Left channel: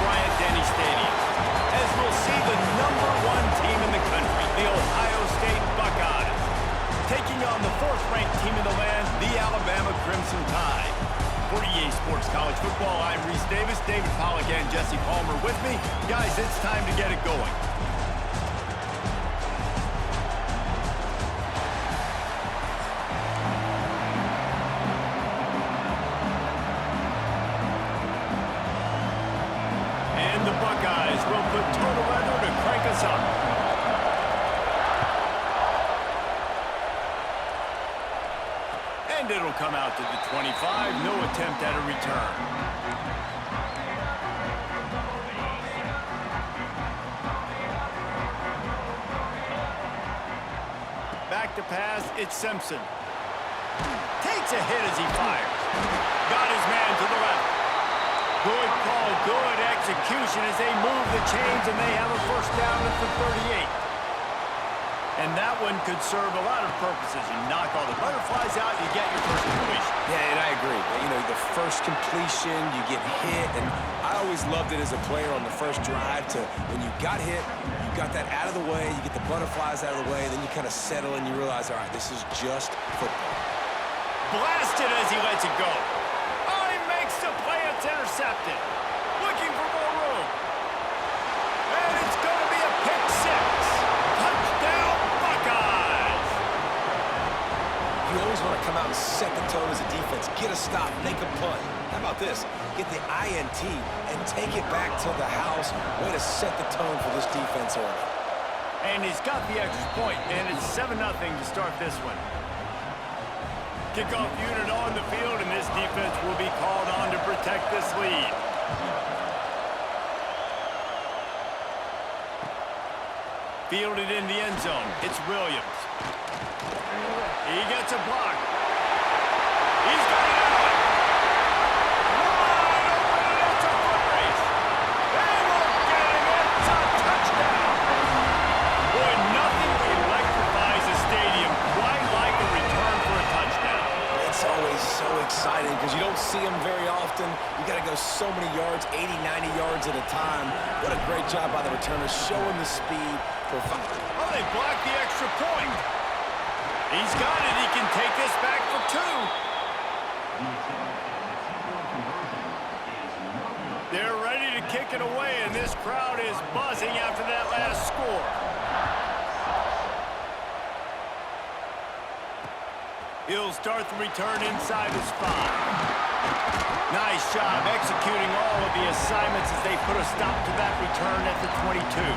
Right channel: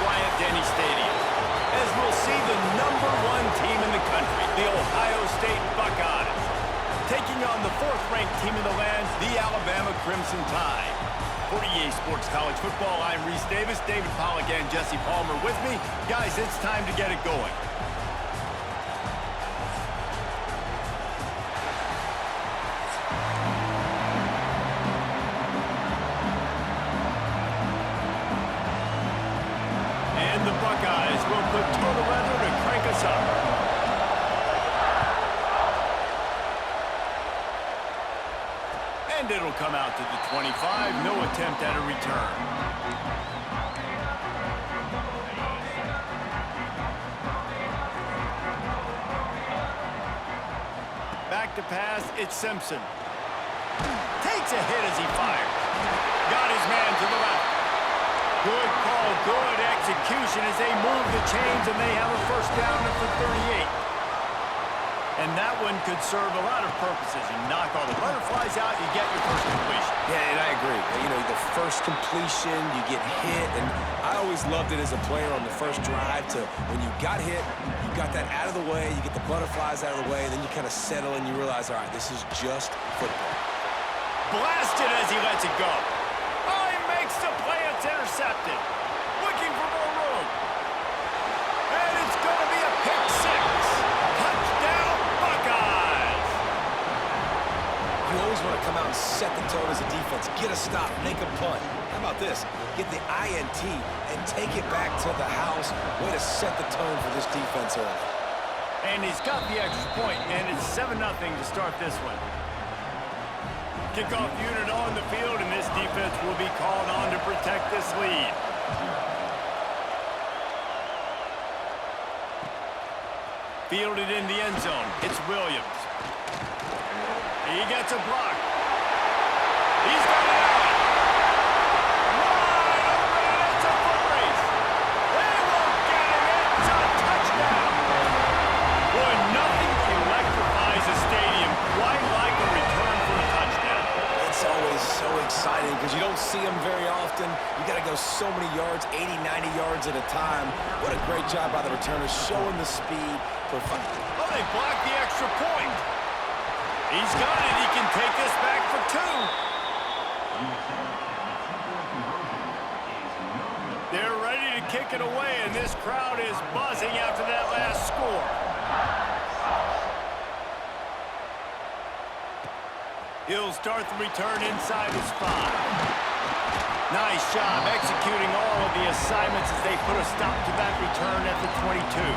Bryant-Denny Stadium, as we'll see the #1 team in the country, the Ohio State Buckeyes, taking on the 4th-ranked team in the land, the Alabama Crimson Tide. For EA Sports College Football, I'm Reese Davis, David Pollack and Jesse Palmer with me. Guys, it's time to get it going. And the Buckeyes will put total weather to crank us up. And it'll come out to the 25. No attempt at a return. Back to pass, it's Simpson. Takes a hit as he fires. Got his man to the left. Good call, good execution as they move the chains, and they have a first down at the 38. And that one could serve a lot of purposes. You knock all the butterflies out, you get your first completion. Yeah, and I agree. You know, the first completion, you get hit, and I always loved it as a player on the first drive to when you got hit, you got that out of the way, you get the butterflies out of the way, and then you kind of settle and you realize, all right, this is just football. Blasted as he lets it go. Oh, he makes the play. It's intercepted. Looking for more room. And it's going to be a pick 6. Touchdown, Buckeyes. You always want to come out and set the tone as a defense. Get a stop, make a punt. How about this? Get the INT and take it back to the house. Way to set the tone for this defense early. And he's got the extra point, and it's 7-0 to start this one. Kickoff unit on the field, and this defense will be called on to protect this lead. Fielded in the end zone. It's Williams. He gets a block. He's got it out. Wide open, and it's a foot race. They won't get him. It's a touchdown. Boy, nothing electrifies a stadium quite like a return for a touchdown. It's always so exciting because you don't see them very often. You got to go so many yards, 80, 90 yards at a time. What a great job by the returners showing the speed. Oh, they blocked the extra point. He's got it. He can take this back for 2. They're ready to kick it away, and this crowd is buzzing after that last score. He'll start the return inside his 5. Nice job executing all of the assignments as they put a stop to that return at the 22.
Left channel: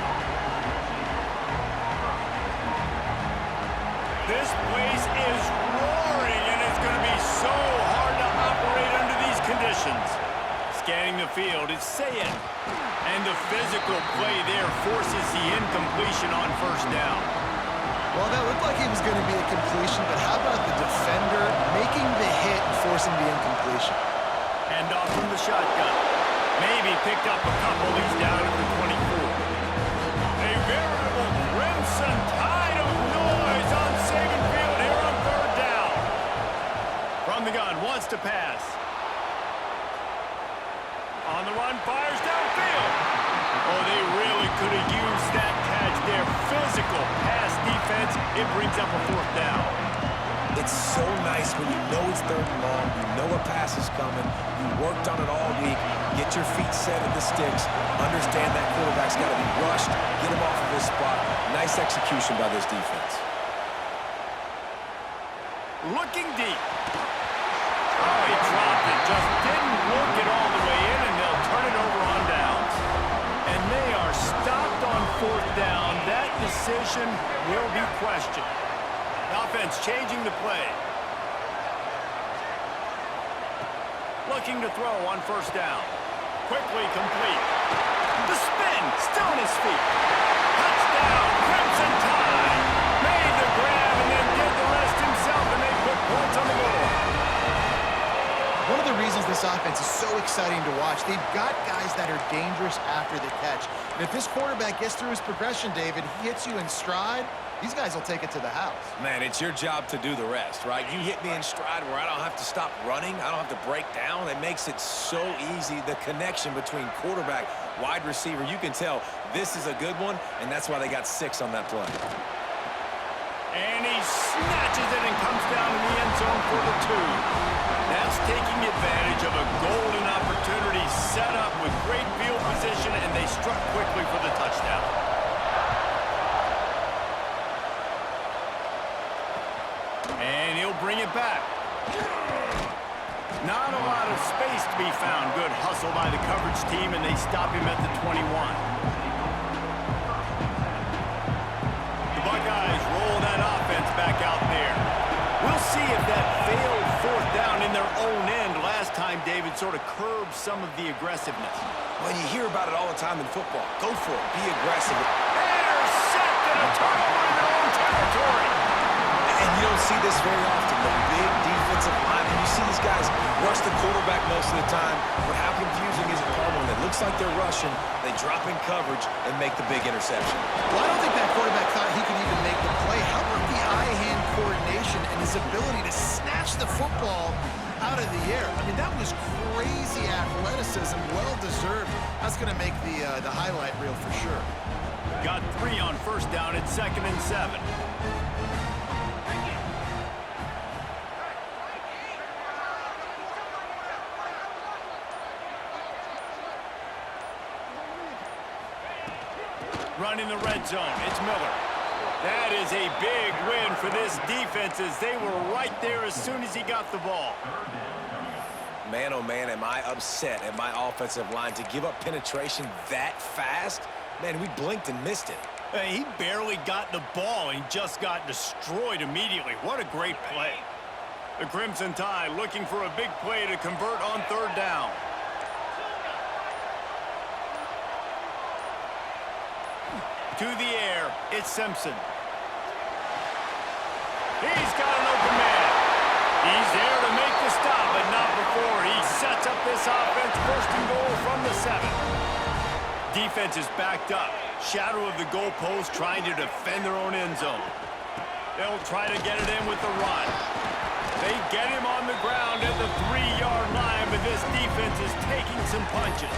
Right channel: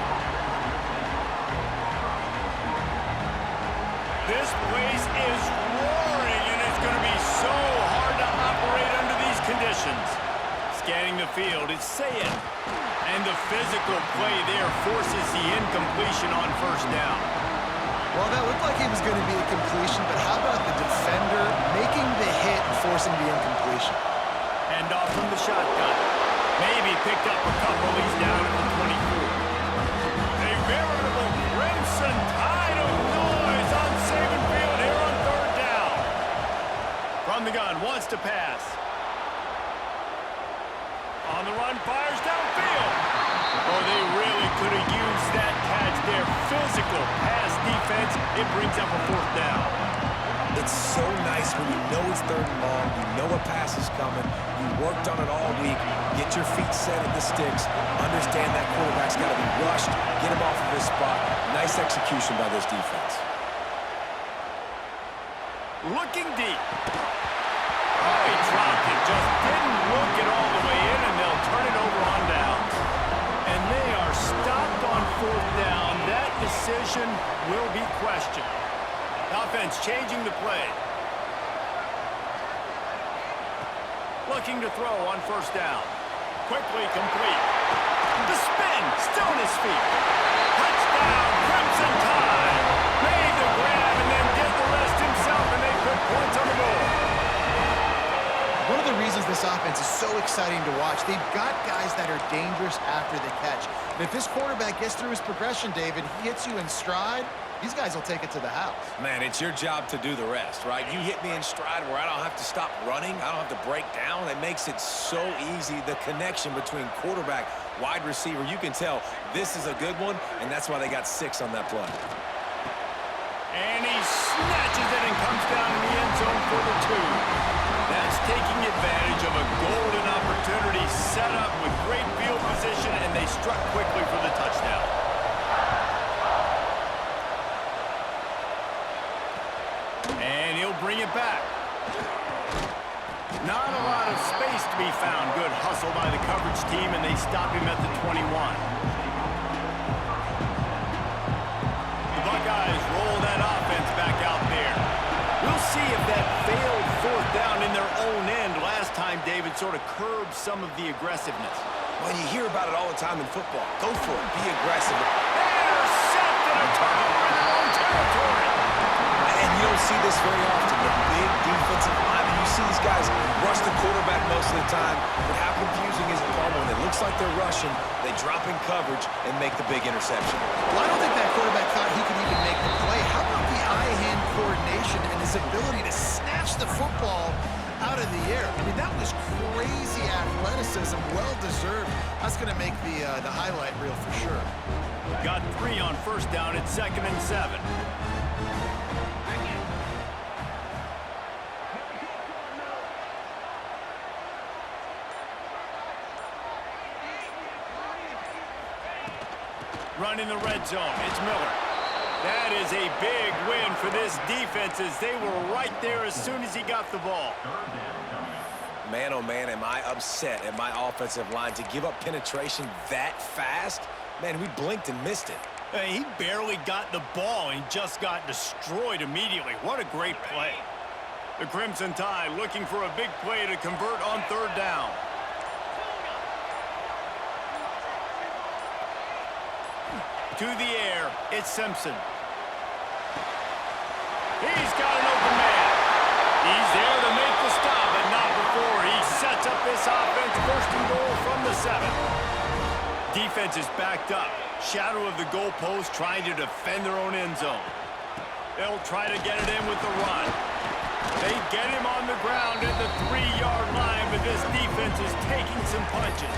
This place is roaring, and it's going to be so hard to operate under these conditions. Scanning the field, it's Sayin. And the physical play there forces the incompletion on first down. Well, that looked like it was going to be a completion, but how about the defender making the hit and forcing the incompletion? Hand off from the shotgun. Maybe picked up a couple. He's down at the 24. A veritable Crimson Tide of noise on Saban Field here on 3rd down. From the gun, wants to pass. On the run, fires downfield. Oh, they really could have used that catch there. Physical pass defense. It brings up a 4th down. It's so nice when you know it's 3rd and long, you know a pass is coming, you worked on it all week, get your feet set at the sticks, understand that quarterback's got to be rushed, get him off of his spot. Nice execution by this defense. Looking deep. Oh, he dropped it. Just didn't look it all the way in, and they'll turn it over on downs. And they are stopped on 4th down. That decision will be questioned. Offense changing the play. Looking to throw on 1st down. Quickly complete. The spin, still on his feet. Touchdown, Crimson Tide. Made the grab and then did the rest himself, and they put points on the board. One of the reasons this offense is so exciting to watch, they've got guys that are dangerous after the catch. And if this quarterback gets through his progression, David, he hits you in stride, These guys will take it to the house. Man, it's your job to do the rest, right? You hit me in stride where I don't have to stop running. I don't have to break down. It makes it so easy. The connection between quarterback, wide receiver, you can tell this is a good one, and that's why they got 6 on that play. And he snatches it and comes down in the end zone for the 2. That's taking advantage of a golden opportunity set up with great field position, and they struck quickly for the touchdown. And he'll bring it back. Not a lot of space to be found. Good hustle by the coverage team, and they stop him at the 21. Buckeyes roll that offense back out there. We'll see if that failed 4th down in their own end last time, David, sort of curbed some of the aggressiveness. Well, you hear about it all the time in football. Go for it. Be aggressive. Intercepted, a turnover in their own territory. And you don't see this very often. The big defensive linemen, you see these guys rush the quarterback most of the time, but how confusing is it, Paul, when it looks like they're rushing, they drop in coverage and make the big interception? Well, I don't think that quarterback thought he could even make the play. How about the eye-hand coordination and his ability to snatch the football out of the air? I mean, that was crazy athleticism, well-deserved. That's going to make the highlight reel for sure. Got 3 on 1st down at 2nd and 7. Running the red zone, it's Miller. That is a big win for this defense as they were right there as soon as he got the ball. Man, oh man, am I upset at my offensive line to give up penetration that fast? Man, we blinked and missed it. He barely got the ball and just got destroyed immediately. What a great play. The Crimson Tide looking for a big play to convert on 3rd down. To the air, it's Simpson. He's got an open man. He's there to make the stop, but not before he sets up this offense 1st and goal from the 7. Defense is backed up. Shadow of the goalpost trying to defend their own end zone. They'll try to get it in with the run. They get him on the ground at the 3-yard line, but this defense is taking some punches.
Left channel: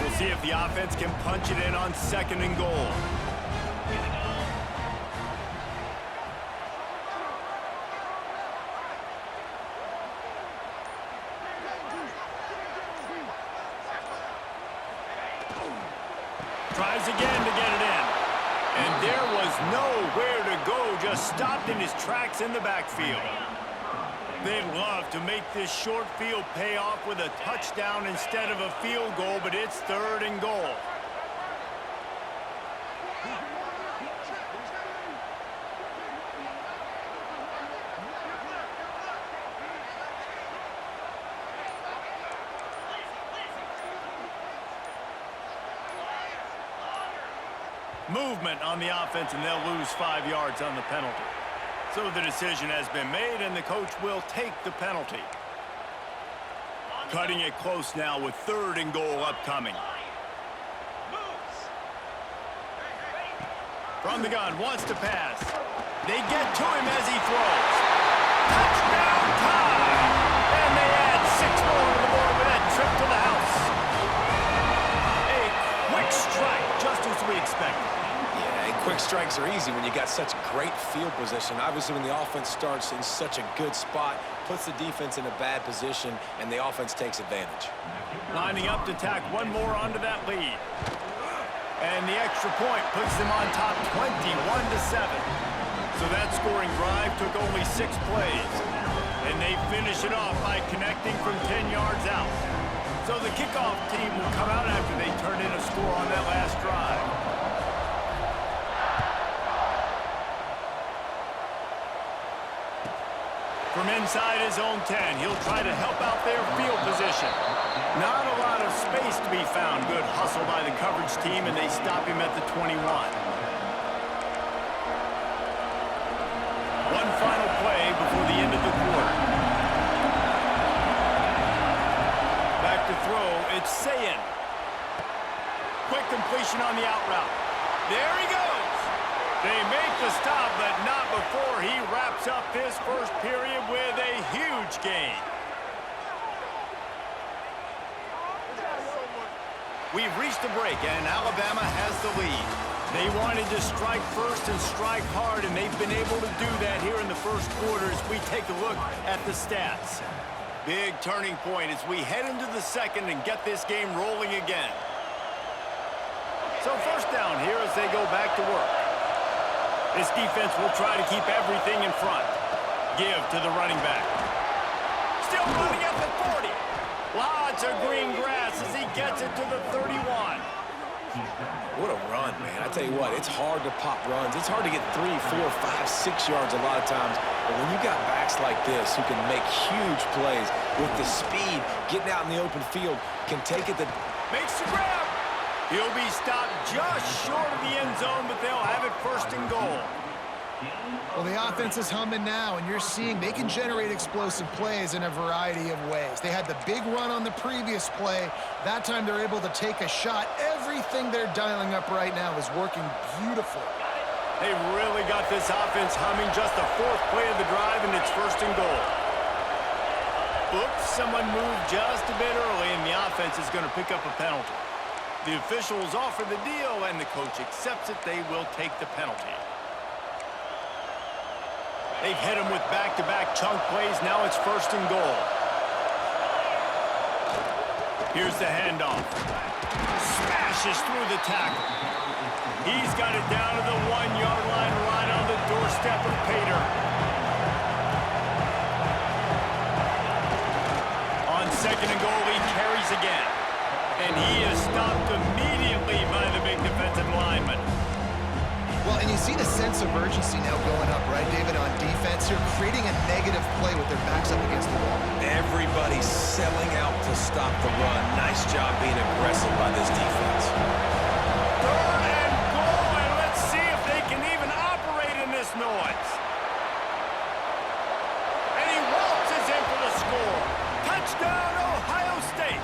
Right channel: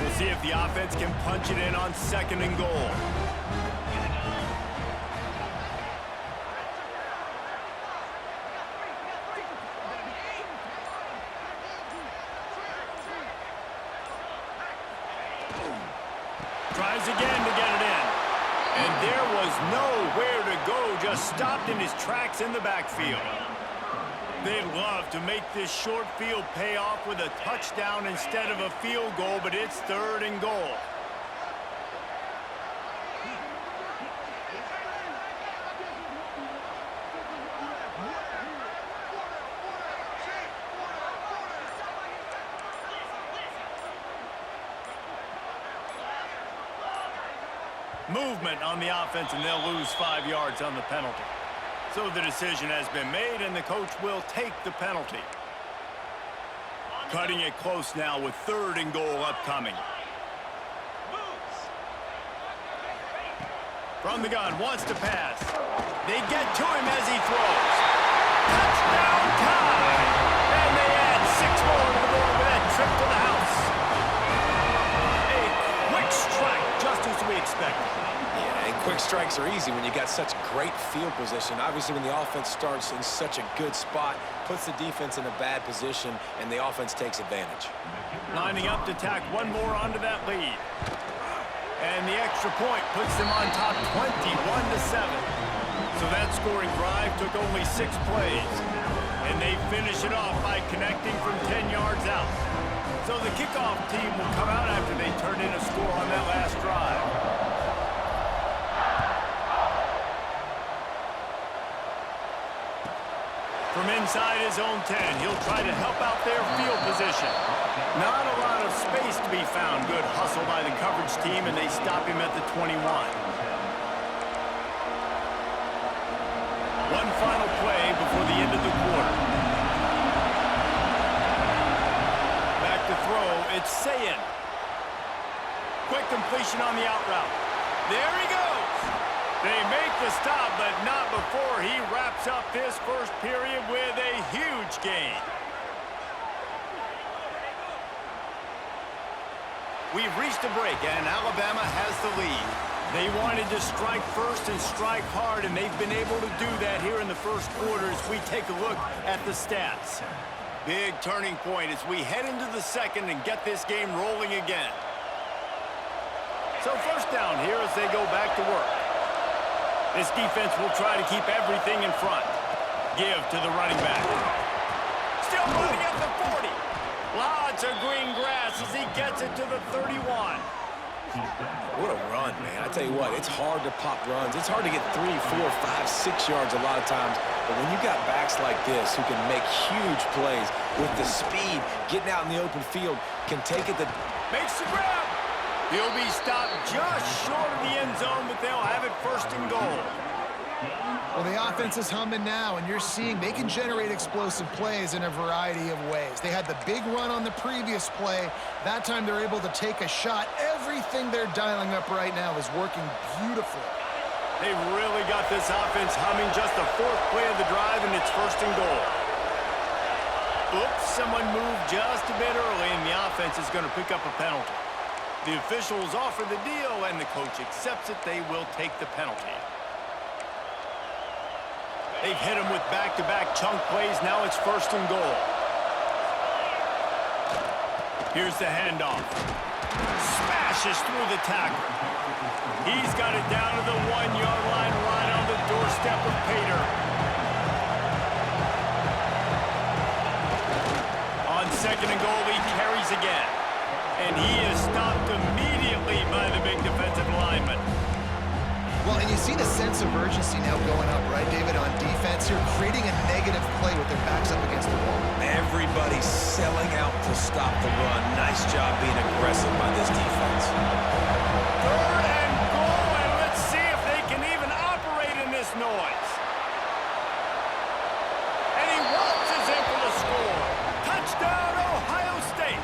We'll see if the offense can punch it in on 2nd and goal. Tries again to get it in. And there was nowhere to go, just stopped in his tracks in the backfield. They'd love to make this short field pay off with a touchdown instead of a field goal, but it's 3rd and goal. Movement on the offense, and they'll lose 5 yards on the penalty. So the decision has been made, and the coach will take the penalty. Cutting it close now with 3rd and goal upcoming. From the gun, wants to pass. They get to him as he throws. Touchdown time! And they add 6 more to the board with that trip to the house. A quick strike, just as we expected. Yeah, and quick strikes are easy when you got such great field position. Obviously, when the offense starts in such a good spot, puts the defense in a bad position, and the offense takes advantage. Lining up to tack 1 more onto that lead. And the extra point puts them on top 21-7. So that scoring drive took only 6 plays. And they finish it off by connecting from 10 yards out. So the kickoff team will come out after they turn in a score on that last drive. From inside his own 10, he'll try to help out their field position. Not a lot of space to be found. Good hustle by the coverage team, and they stop him at the 21. One final play before the end of the quarter. Back to to throw. It's Sayin. Quick completion on the out route. There he goes. They make the stop, but not before he wraps up this first period with a huge gain. We've reached a break, and Alabama has the lead. They wanted to strike first and strike hard, and they've been able to do that here in the first quarter as we take a look at the stats. Big turning point as we head into the second and get this game rolling again. So first down here as they go back to work. This defense will try to keep everything in front. Give to the running back. Still running at the 40. Lots of green grass as he gets it to the 31. What a run, man. I tell you what, it's hard to pop runs. It's hard to get 3, 4, 5, 6 yards a lot of times. But when you got backs like this who can make huge plays with the speed, getting out in the open field, can take it to... Makes the grab. He'll be stopped just short of the end zone, but they'll have it first and goal. Well, the offense is humming now, and you're seeing they can generate explosive plays in a variety of ways. They had the big run on the previous play. That time they're able to take a shot. Everything they're dialing up right now is working beautifully. They really got this offense humming. Just the fourth play of the drive, and it's first and goal. Oops, someone moved just a bit early, and the offense is going to pick up a penalty. The officials offer the deal, and the coach accepts it. They will take the penalty. They've hit him with back-to-back chunk plays. Now it's first and goal. Here's the handoff. Smashes through the tackle. He's got it down to the 1-yard line, right on the doorstep of Pater. On second and goal, he carries again. And he is stopped immediately by the big defensive lineman. Well, and you see the sense of urgency now going up, right, David, on defense here, creating a negative play with their backs up against the wall. Everybody's selling out to stop the run. Nice job being aggressive by this defense. Third and goal, and let's see if they can even operate in this noise. And he waltzes in for the score. Touchdown, Ohio State.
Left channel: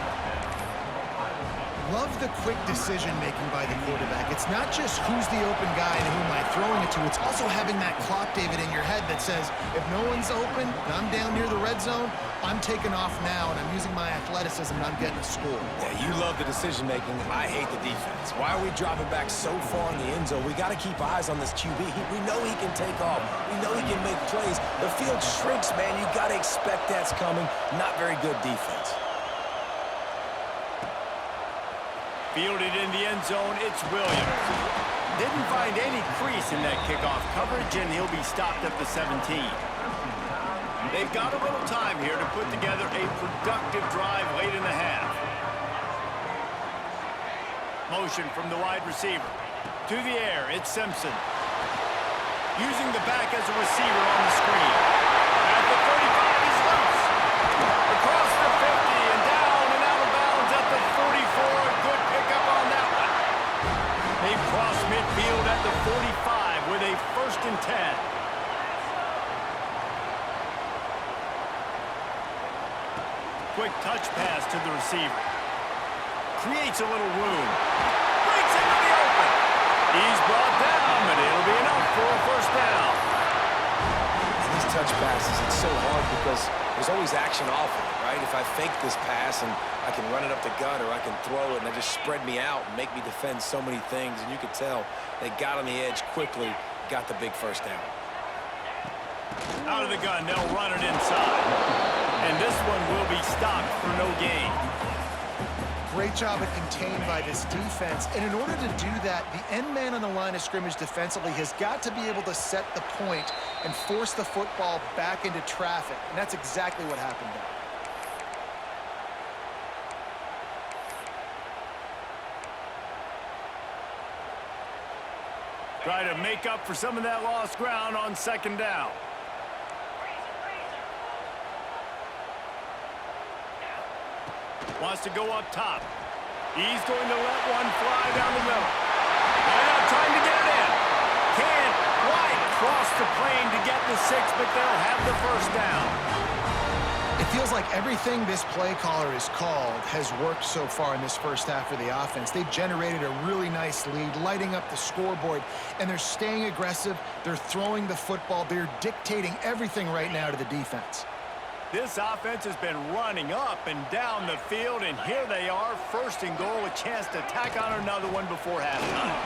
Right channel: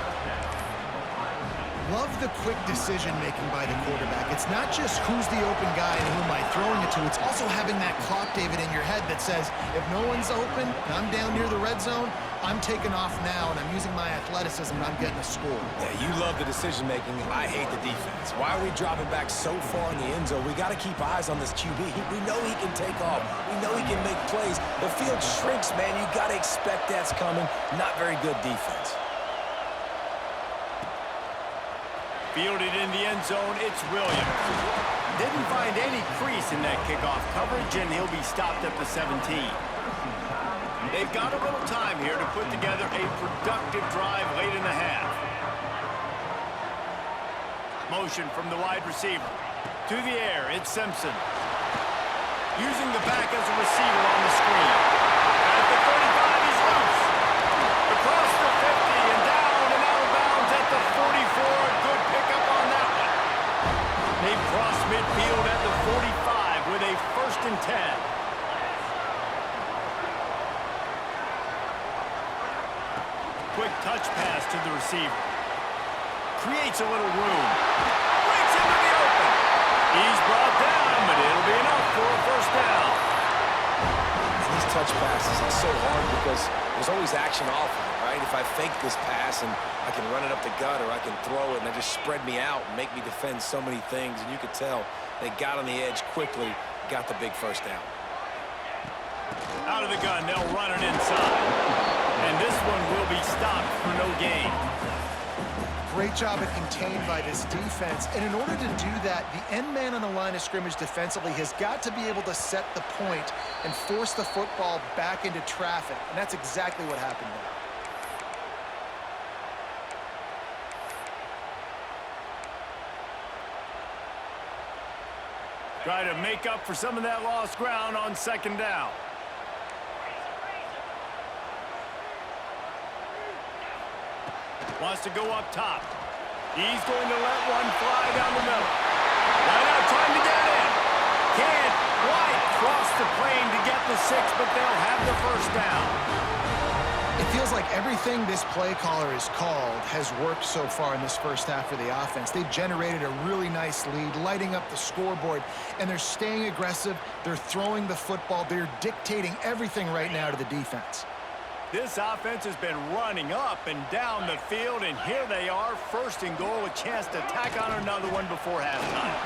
Love the quick decision-making by the quarterback. It's not just who's the open guy and who am I throwing it to. It's also having that clock, David, in your head that says, if no one's open and I'm down near the red zone, I'm taking off now, and I'm using my athleticism, and I'm getting a score. Yeah, you love the decision-making, and I hate the defense. Why are we dropping back so far in the end zone? We got to keep eyes on this QB. We know he can take off. We know he can make plays. The field shrinks, man. You got to expect that's coming. Not very good defense. Fielded in the end zone, it's Williams. Didn't find any crease in that kickoff coverage, and he'll be stopped at the 17. They've got a little time here to put together a productive drive late in the half. Motion from the wide receiver. To the air, it's Simpson. Using the back as a receiver on the screen. At the 35, he's loose. Across the 50 and down and out of bounds at the 44. A good pickup on that one. They cross midfield at the 45 with a first and 10. Quick touch pass to the receiver. Creates a little room. Breaks into the open. He's brought down, but it'll be enough for a first down. And these touch passes, it's so hard because there's always action off of it, right? If I fake this pass and I can run it up the gut, or I can throw it and they just spread me out and make me defend so many things. And you could tell they got on the edge quickly, got the big first down. Out of the gun, they'll run it inside. And this one will be stopped for no gain. Great job at contained by this defense. And in order to do that, the end man on the line of scrimmage defensively has got to be able to set the point and force the football back into traffic. And that's exactly what happened there. Try to make up for some of that lost ground on second down. Wants to go up top. He's going to let one fly down the middle. Line out trying to get it in. Can't quite cross the plane to get the 6, but they'll have the first down. It feels like everything this play caller has called has worked so far in this first half for the offense. They've generated a really nice lead, lighting up the scoreboard, and they're staying aggressive. They're throwing the football. They're dictating everything right now to the defense. This offense has been running up and down the field, and here they are, first and goal, a chance to tack on another one before halftime.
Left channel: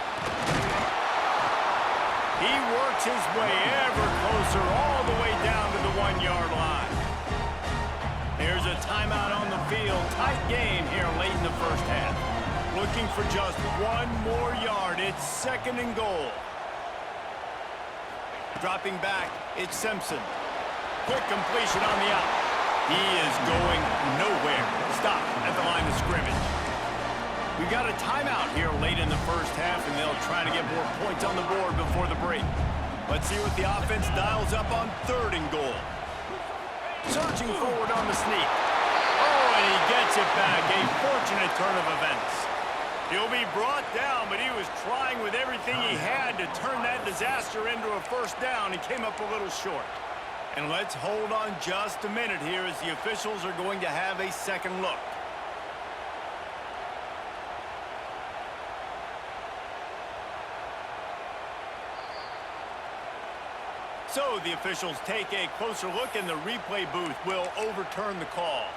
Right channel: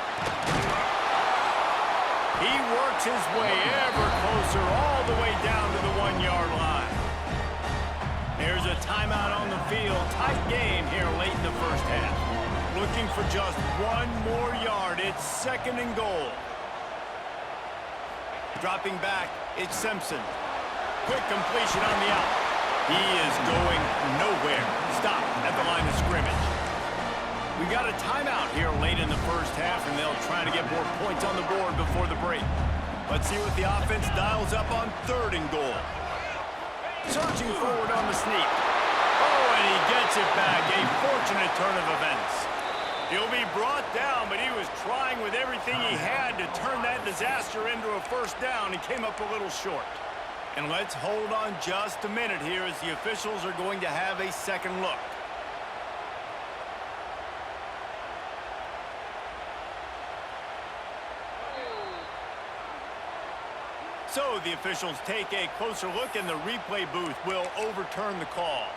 He works his way ever closer all the way down to the 1-yard line. There's a timeout on the field. Tight game here late in the first half. Looking for just one more yard. It's second and goal. Dropping back, it's Simpson. Quick completion on the out. He is going nowhere. Stop at the line of scrimmage. We've got a timeout here late in the first half, and they'll try to get more points on the board before the break. Let's see what the offense dials up on third and goal. Surging forward on the sneak. Oh, and he gets it back. A fortunate turn of events. He'll be brought down, but he was trying with everything he had to turn that disaster into a first down and came up a little short. And let's hold on just a minute here as the officials are going to have a second look. So the officials take a closer look, and the replay booth will overturn the call.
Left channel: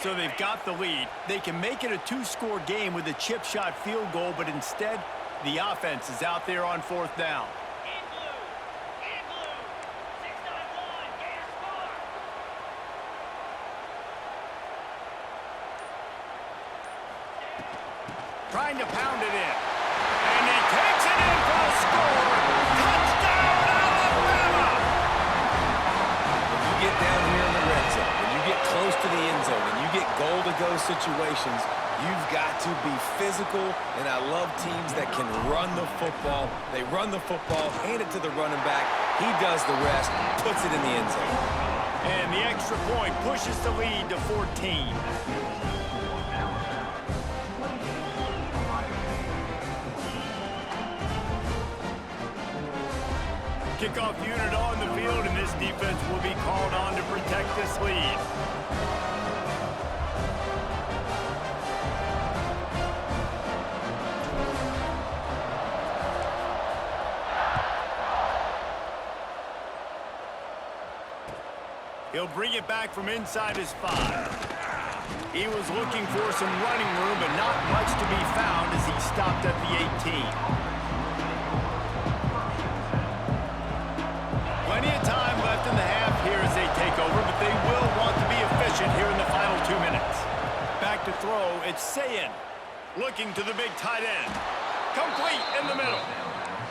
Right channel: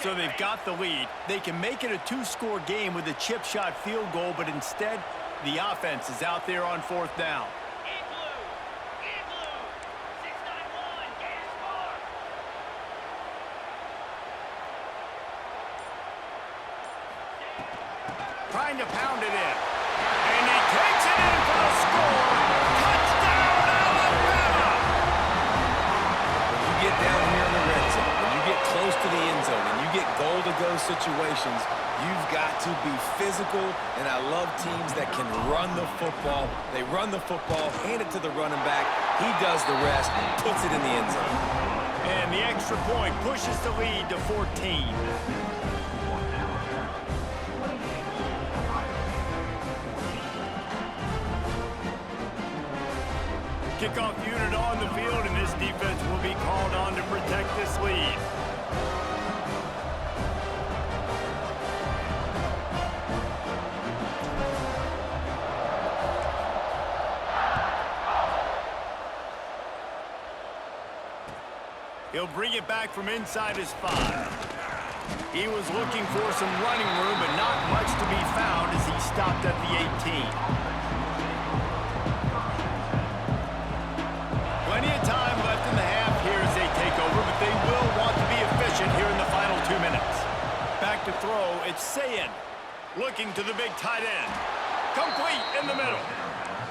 So they've got the lead. They can make it a two-score game with a chip shot field goal, but instead, the offense is out there on fourth down. Igloo, 691, gas bar. Trying to pound it in. And he takes it in for the score. Touchdown, Alabama! When you get down here in the red zone, when you get close to the end zone, and you get goal-to-go situations, you've got to be physical, and I love teams that can run the football. They run the football, hand it to the running back. He does the rest, puts it in the end zone. And the extra point pushes the lead to 14. Kickoff unit on the field, and this defense will be called on to protect this lead. He'll bring it back from inside his 5. He was looking for some running room, but not much to be found as he stopped at the 18. Plenty of time left in the half here as they take over, but they will want to be efficient here in the final 2 minutes. Back to throw, it's Sayin. Looking to the big tight end. Complete in the middle.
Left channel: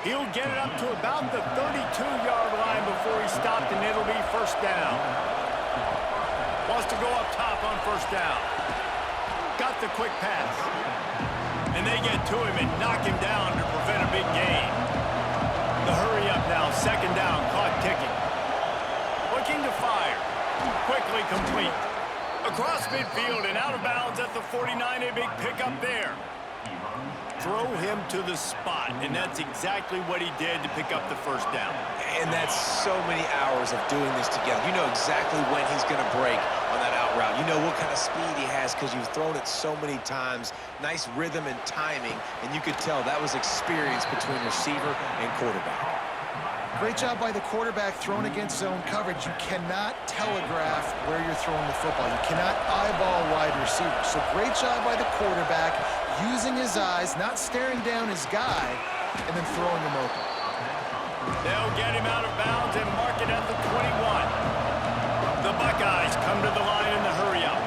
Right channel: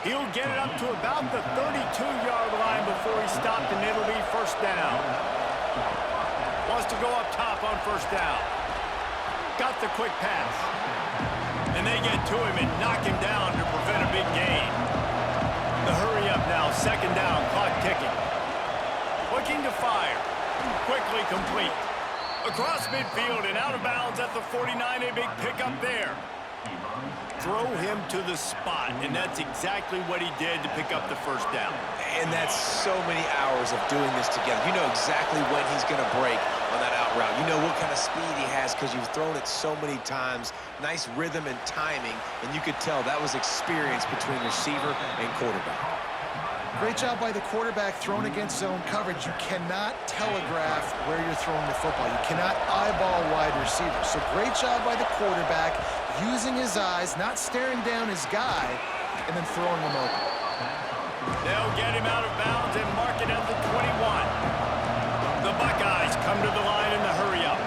He'll get it up to about the 32-yard line before he stopped, and it'll be first down. Wants to go up top on first down. Got the quick pass. And they get to him and knock him down to prevent a big gain. The hurry up now, second down, clock ticking. Looking to fire. Quickly complete. Across midfield and out of bounds at the 49, a big pickup there. Throw him to the spot, and that's exactly what he did to pick up the first down. And that's so many hours of doing this together. You know exactly when he's going to break on that out route. You know what kind of speed he has because you've thrown it so many times. Nice rhythm and timing, and you could tell that was experience between receiver and quarterback. Great job by the quarterback thrown against zone coverage. You cannot telegraph where you're throwing the football. You cannot eyeball wide receivers. So great job by the quarterback using his eyes, not staring down his guy, and then throwing him open. They'll get him out of bounds and mark it at the 21. The Buckeyes come to the line in the hurry up.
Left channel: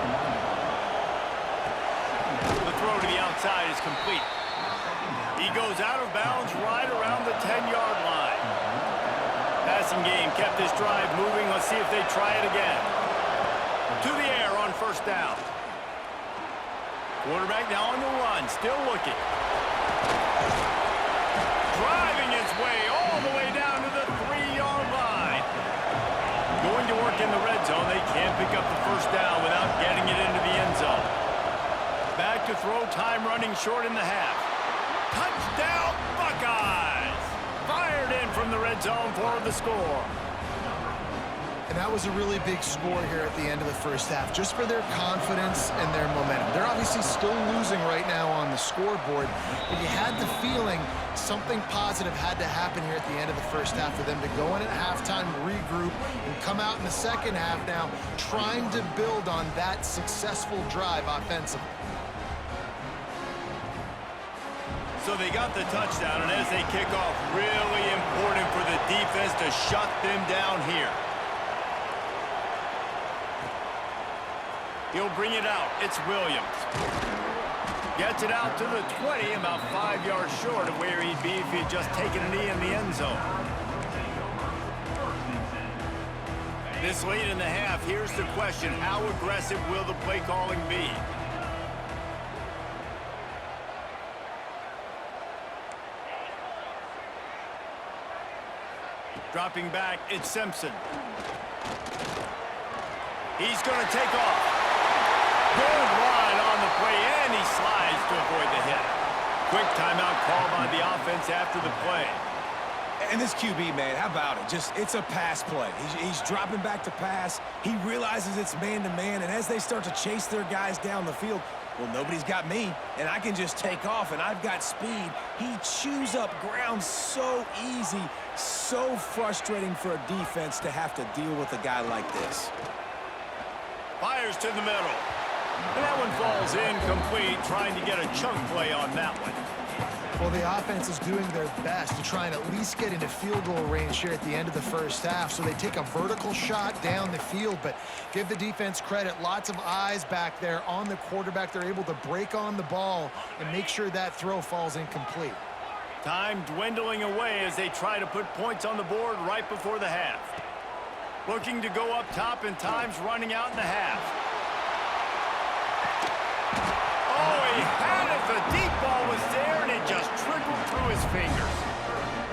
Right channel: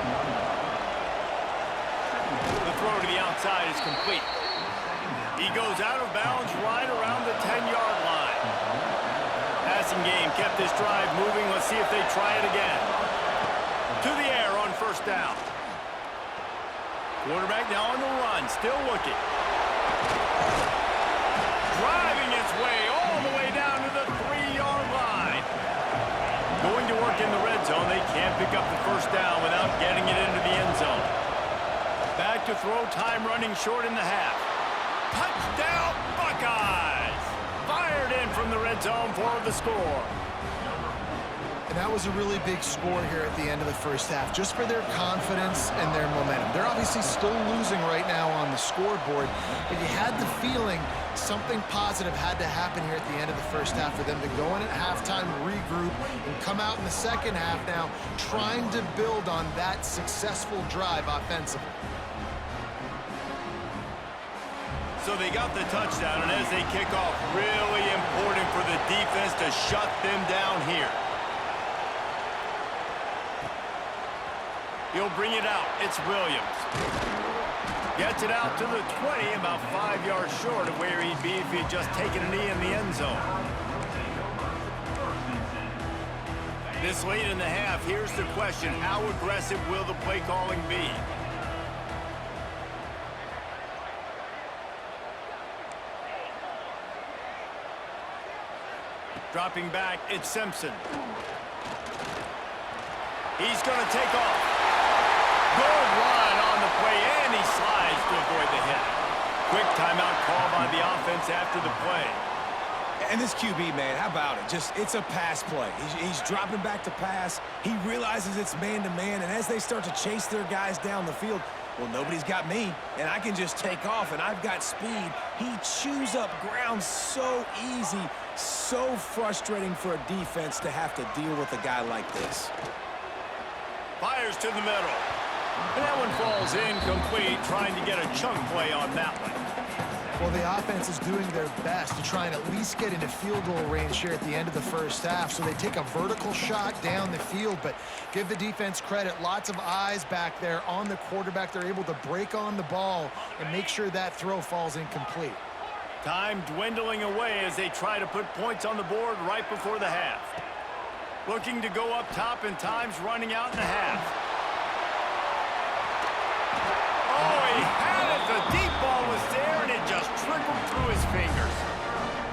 The throw to the outside is complete. He goes out of bounds right around the 10-yard line. Passing game kept this drive moving. Let's see if they try it again. To the air on first down. Quarterback now on the run, still looking. Driving his way all the way down to the 3-yard line. Going to work in the red zone. They can't pick up the first down without getting it into the end zone. Back to throw, time running short in the half. Touchdown, Buckeyes! fired in from the red zone for the score. And that was a really big score here at the end of the first half, just for their confidence and their momentum. They're obviously still losing right now on the scoreboard, but you had the feeling something positive had to happen here at the end of the first half for them to go in at halftime, regroup, and come out in the second half now trying to build on that successful drive offensively. So they got the touchdown, and as they kick off, really important for the defense to shut them down here. He'll bring it out. It's Williams. Gets it out to the 20, about 5 yards short of where he'd be if he'd just taken a knee in the end zone. This late in the half, here's the question. How aggressive will the play calling be? Dropping back, it's Simpson. He's going to take off. Good run on the play, and he slides to avoid the hit. Quick timeout call by the offense after the play. And this QB, man, how about it? It's a pass play. He's dropping back to pass. He realizes it's man-to-man, and as they start to chase their guys down the field, well, nobody's got me, and I can just take off, and I've got speed. He chews up ground so easy, so frustrating for a defense to have to deal with a guy like this. Fires to the middle. And that one falls incomplete, trying to get a chunk play on that one. Well, the offense is doing their best to try and at least get into field goal range here at the end of the first half. So they take a vertical shot down the field, but give the defense credit. Lots of eyes back there on the quarterback. They're able to break on the ball and make sure that throw falls incomplete. Time dwindling away as they try to put points on the board right before the half. Looking to go up top, and time's running out in the half. Oh, he had it. The deep ball was there, and it just trickled through his fingers.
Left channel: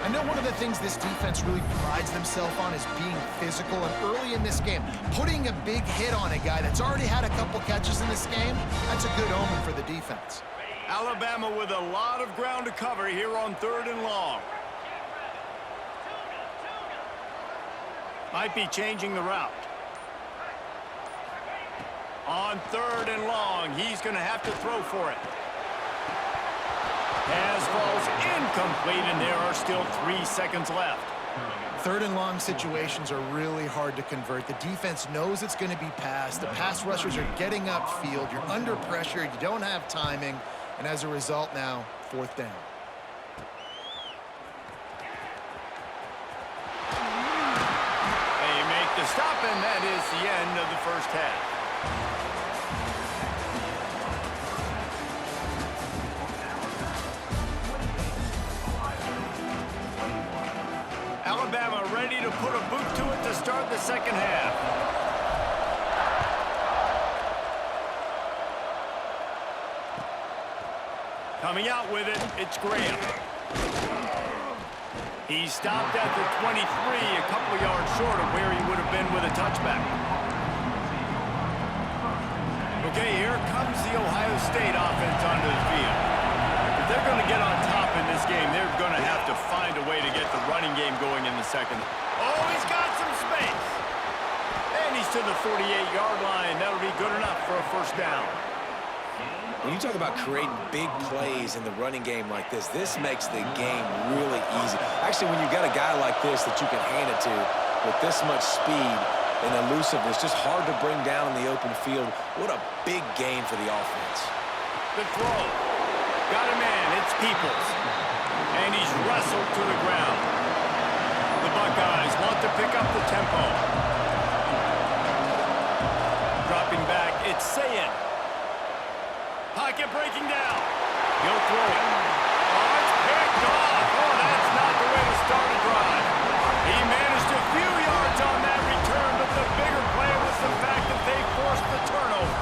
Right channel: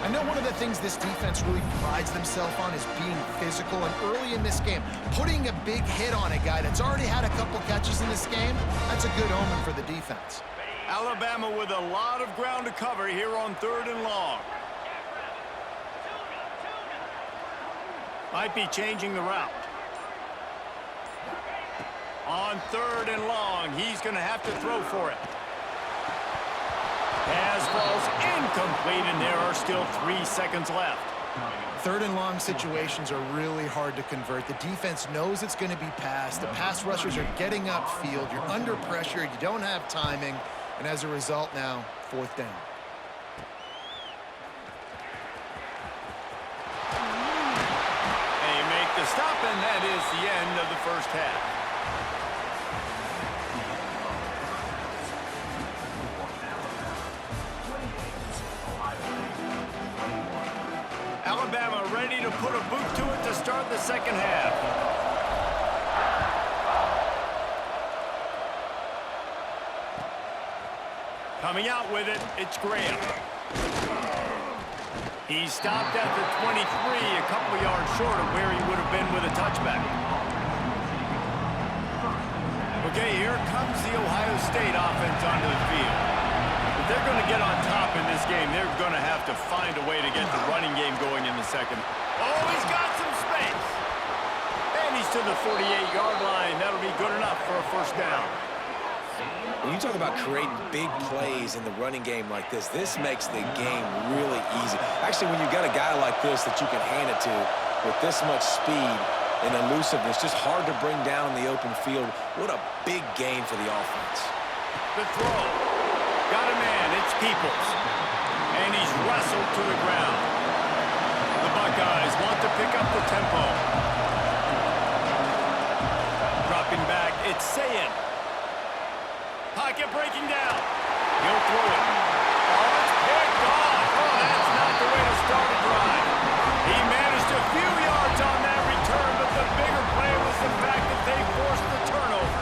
I know one of the things this defense really prides themselves on is being physical, and early in this game, putting a big hit on a guy that's already had a couple catches in this game, that's a good omen for the defense. Alabama with a lot of ground to cover here on 3rd and long. Might be changing the route. On 3rd and long, he's going to have to throw for it. Pass falls incomplete, and there are still 3 seconds left. 3rd and long situations are really hard to convert. The defense knows it's going to be passed. The pass rushers are getting upfield. You're under pressure. You don't have timing. And as a result now, 4th down. They make the stop, and that is the end of the first half. Alabama ready to put a boot to it to start the second half. Coming out with it, it's Graham. He stopped at the 23, a couple of yards short of where he would have been with a touchback. Okay, here comes the Ohio State offense onto the field. If they're going to get on top in this game, they're going to have to find a way to get the running game going in the second. Oh, he's got some space. And he's to the 48-yard line. That'll be good enough for a first down. When you talk about creating big plays in the running game like this makes the game really easy. Actually, when you've got a guy like this that you can hand it to with this much speed and elusiveness, just hard to bring down in the open field, what a big game for the offense. The throw. Got a man, it's Peoples. And he's wrestled to the ground. The Buckeyes want to pick up the tempo. Dropping back, it's Sayin. Pocket breaking down. He'll throw it. Oh, it's picked off. Oh, that's not the way to start a drive. He managed a few yards on that return, but the bigger play was the fact that they forced the turnover.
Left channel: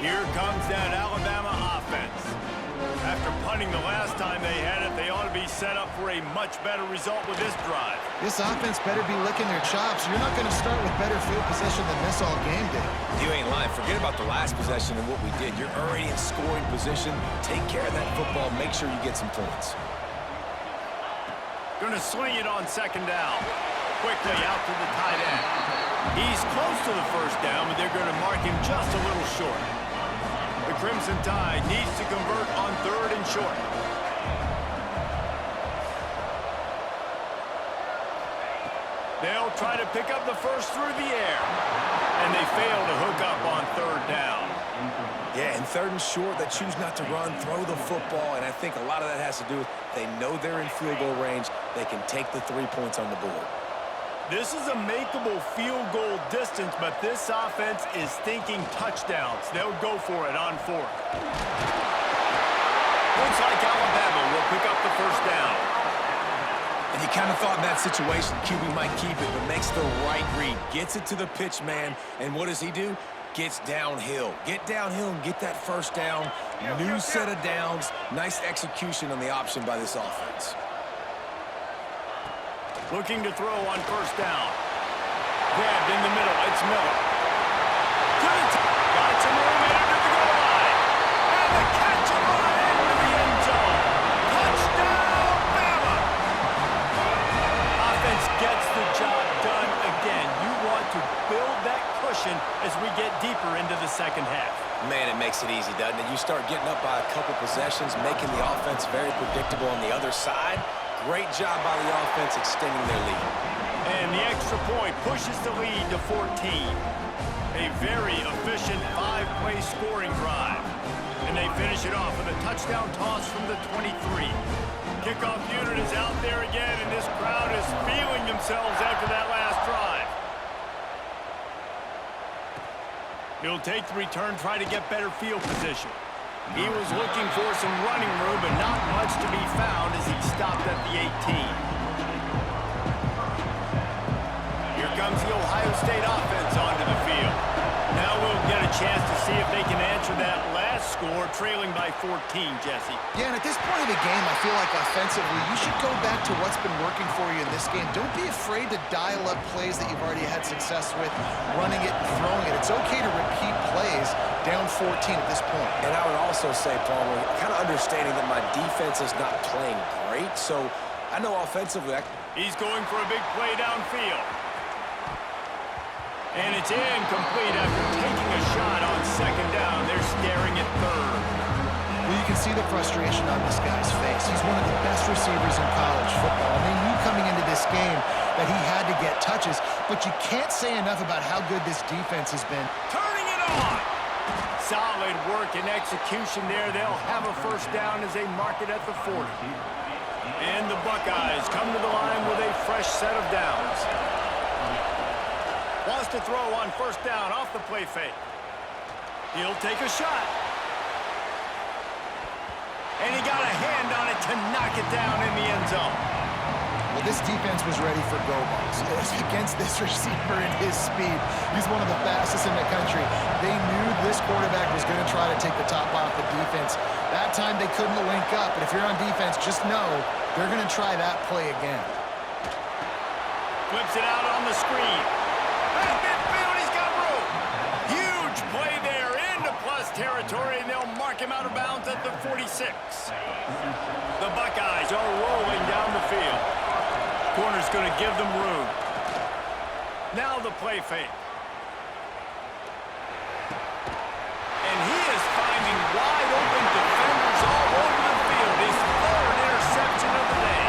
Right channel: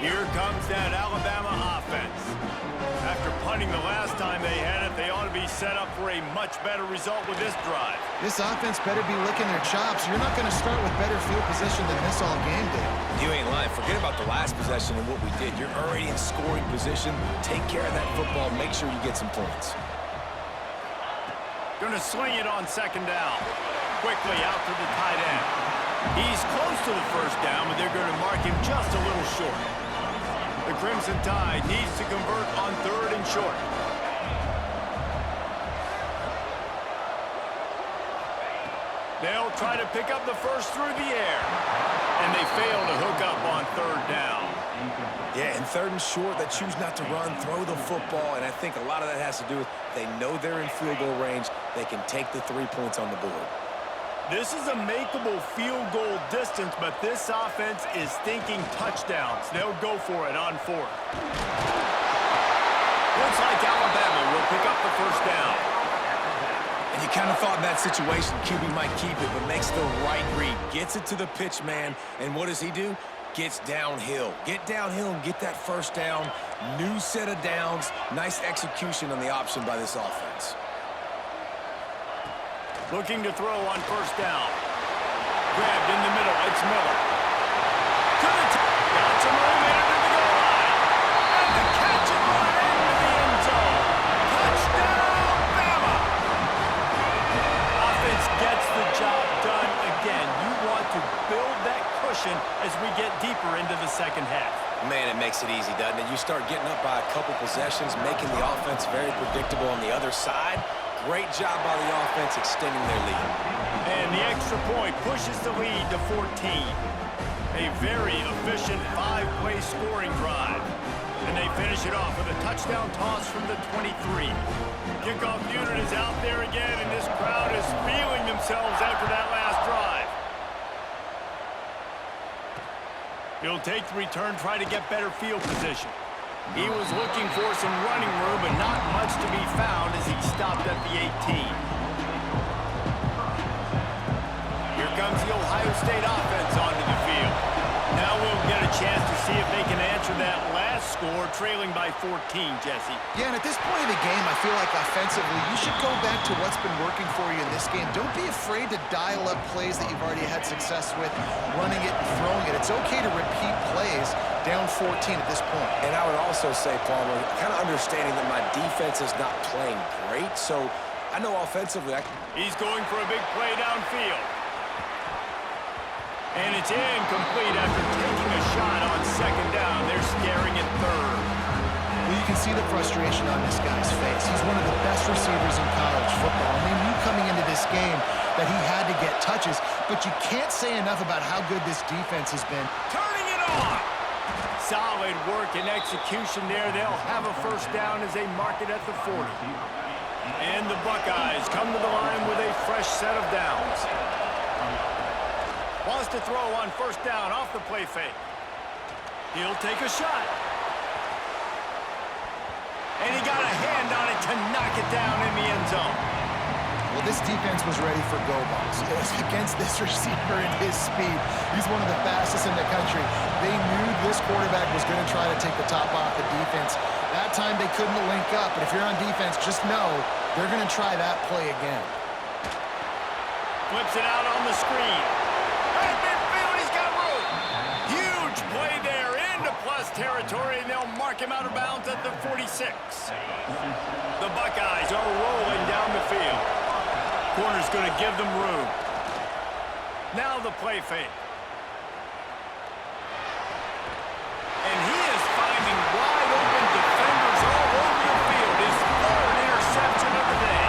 Here comes that Alabama offense. After punting the last time they had it, they ought to be he's set up for a much better result with this drive. This offense better be licking their chops. You're not going to start with better field possession than this all game, Dave. You ain't lying. Forget about the last possession and what we did. You're already in scoring position. Take care of that football. Make sure you get some points. Going to sling it on second down. Quickly out to the tight end. He's close to the first down, but they're going to mark him just a little short. The Crimson Tide needs to convert on 3rd and short. They'll try to pick up the first through the air. And they fail to hook up on 3rd down. Yeah, and 3rd and short, they choose not to run, throw the football, and I think a lot of that has to do with they know they're in field goal range. They can take the 3 points on the board. This is a makeable field goal distance, but this offense is thinking touchdowns. They'll go for it on 4th. Looks like Alabama will pick up the first down. And you kind of thought in that situation QB might keep it, but makes the right read. Gets it to the pitch man, and what does he do? Gets downhill. Get downhill and get that first down. New set of downs. Nice execution on the option by this offense. Looking to throw on first down. Grabbed in the middle. It's Miller. To the top. Got some room in to the goal line. And the catch and run into the end zone. Touchdown, Bama! Offense gets the job done again. You want to build that cushion as we get deeper into the second half. Man, it makes it easy, doesn't it? You start getting up by a couple possessions, making the offense very predictable on the other side. Great job by the offense extending their lead. And the extra point pushes the lead to 14. A very efficient 5-play scoring drive. And they finish it off with a touchdown toss from the 23. Kickoff unit is out there again, and this crowd is feeling themselves after that last drive. He'll take the return, try to get better field position. He was looking for some running room, but not much to be found as he stopped at the 18. Here comes the Ohio State offense onto the field. Now we'll get a chance to see if they can answer that last score, trailing by 14, Jesse. Yeah, and at this point of the game, I feel like offensively, you should go back to what's been working for you in this game. Don't be afraid to dial up plays that you've already had success with, running it and throwing it. It's okay to repeat plays down 14 at this point. And I would also say, Palmer, kind of understanding that my defense is not playing great, so I know offensively He's going for a big play downfield. And it's incomplete after taking a shot on second down. They're staring at 3rd. Well, you can see the frustration on this guy's face. He's one of the best receivers in college football, and they knew coming into this game that he had to get touches, but you can't say enough about how good this defense has been. Turning it on! Solid work and execution there. They'll have a first down as they mark it at the 40. And the Buckeyes come to the line with a fresh set of downs. Wants to throw on first down off the play fake. He'll take a shot. And he got a hand on it to knock it down in the end zone. Well, this defense was ready for go balls. Against this receiver and his speed, he's one of the fastest in the country. They knew this quarterback was going to try to take the top off the defense. That time they couldn't link up, but if you're on defense, just know they're going to try that play again. Flips it out on the screen. At midfield, he's got room. Huge play there into plus territory, and they'll mark him out of bounds at the 46. The Buckeyes are rolling down the field. Corner's going to give them room. Now the play fake. And he is finding wide open defenders all over the field. His 3rd interception of the day.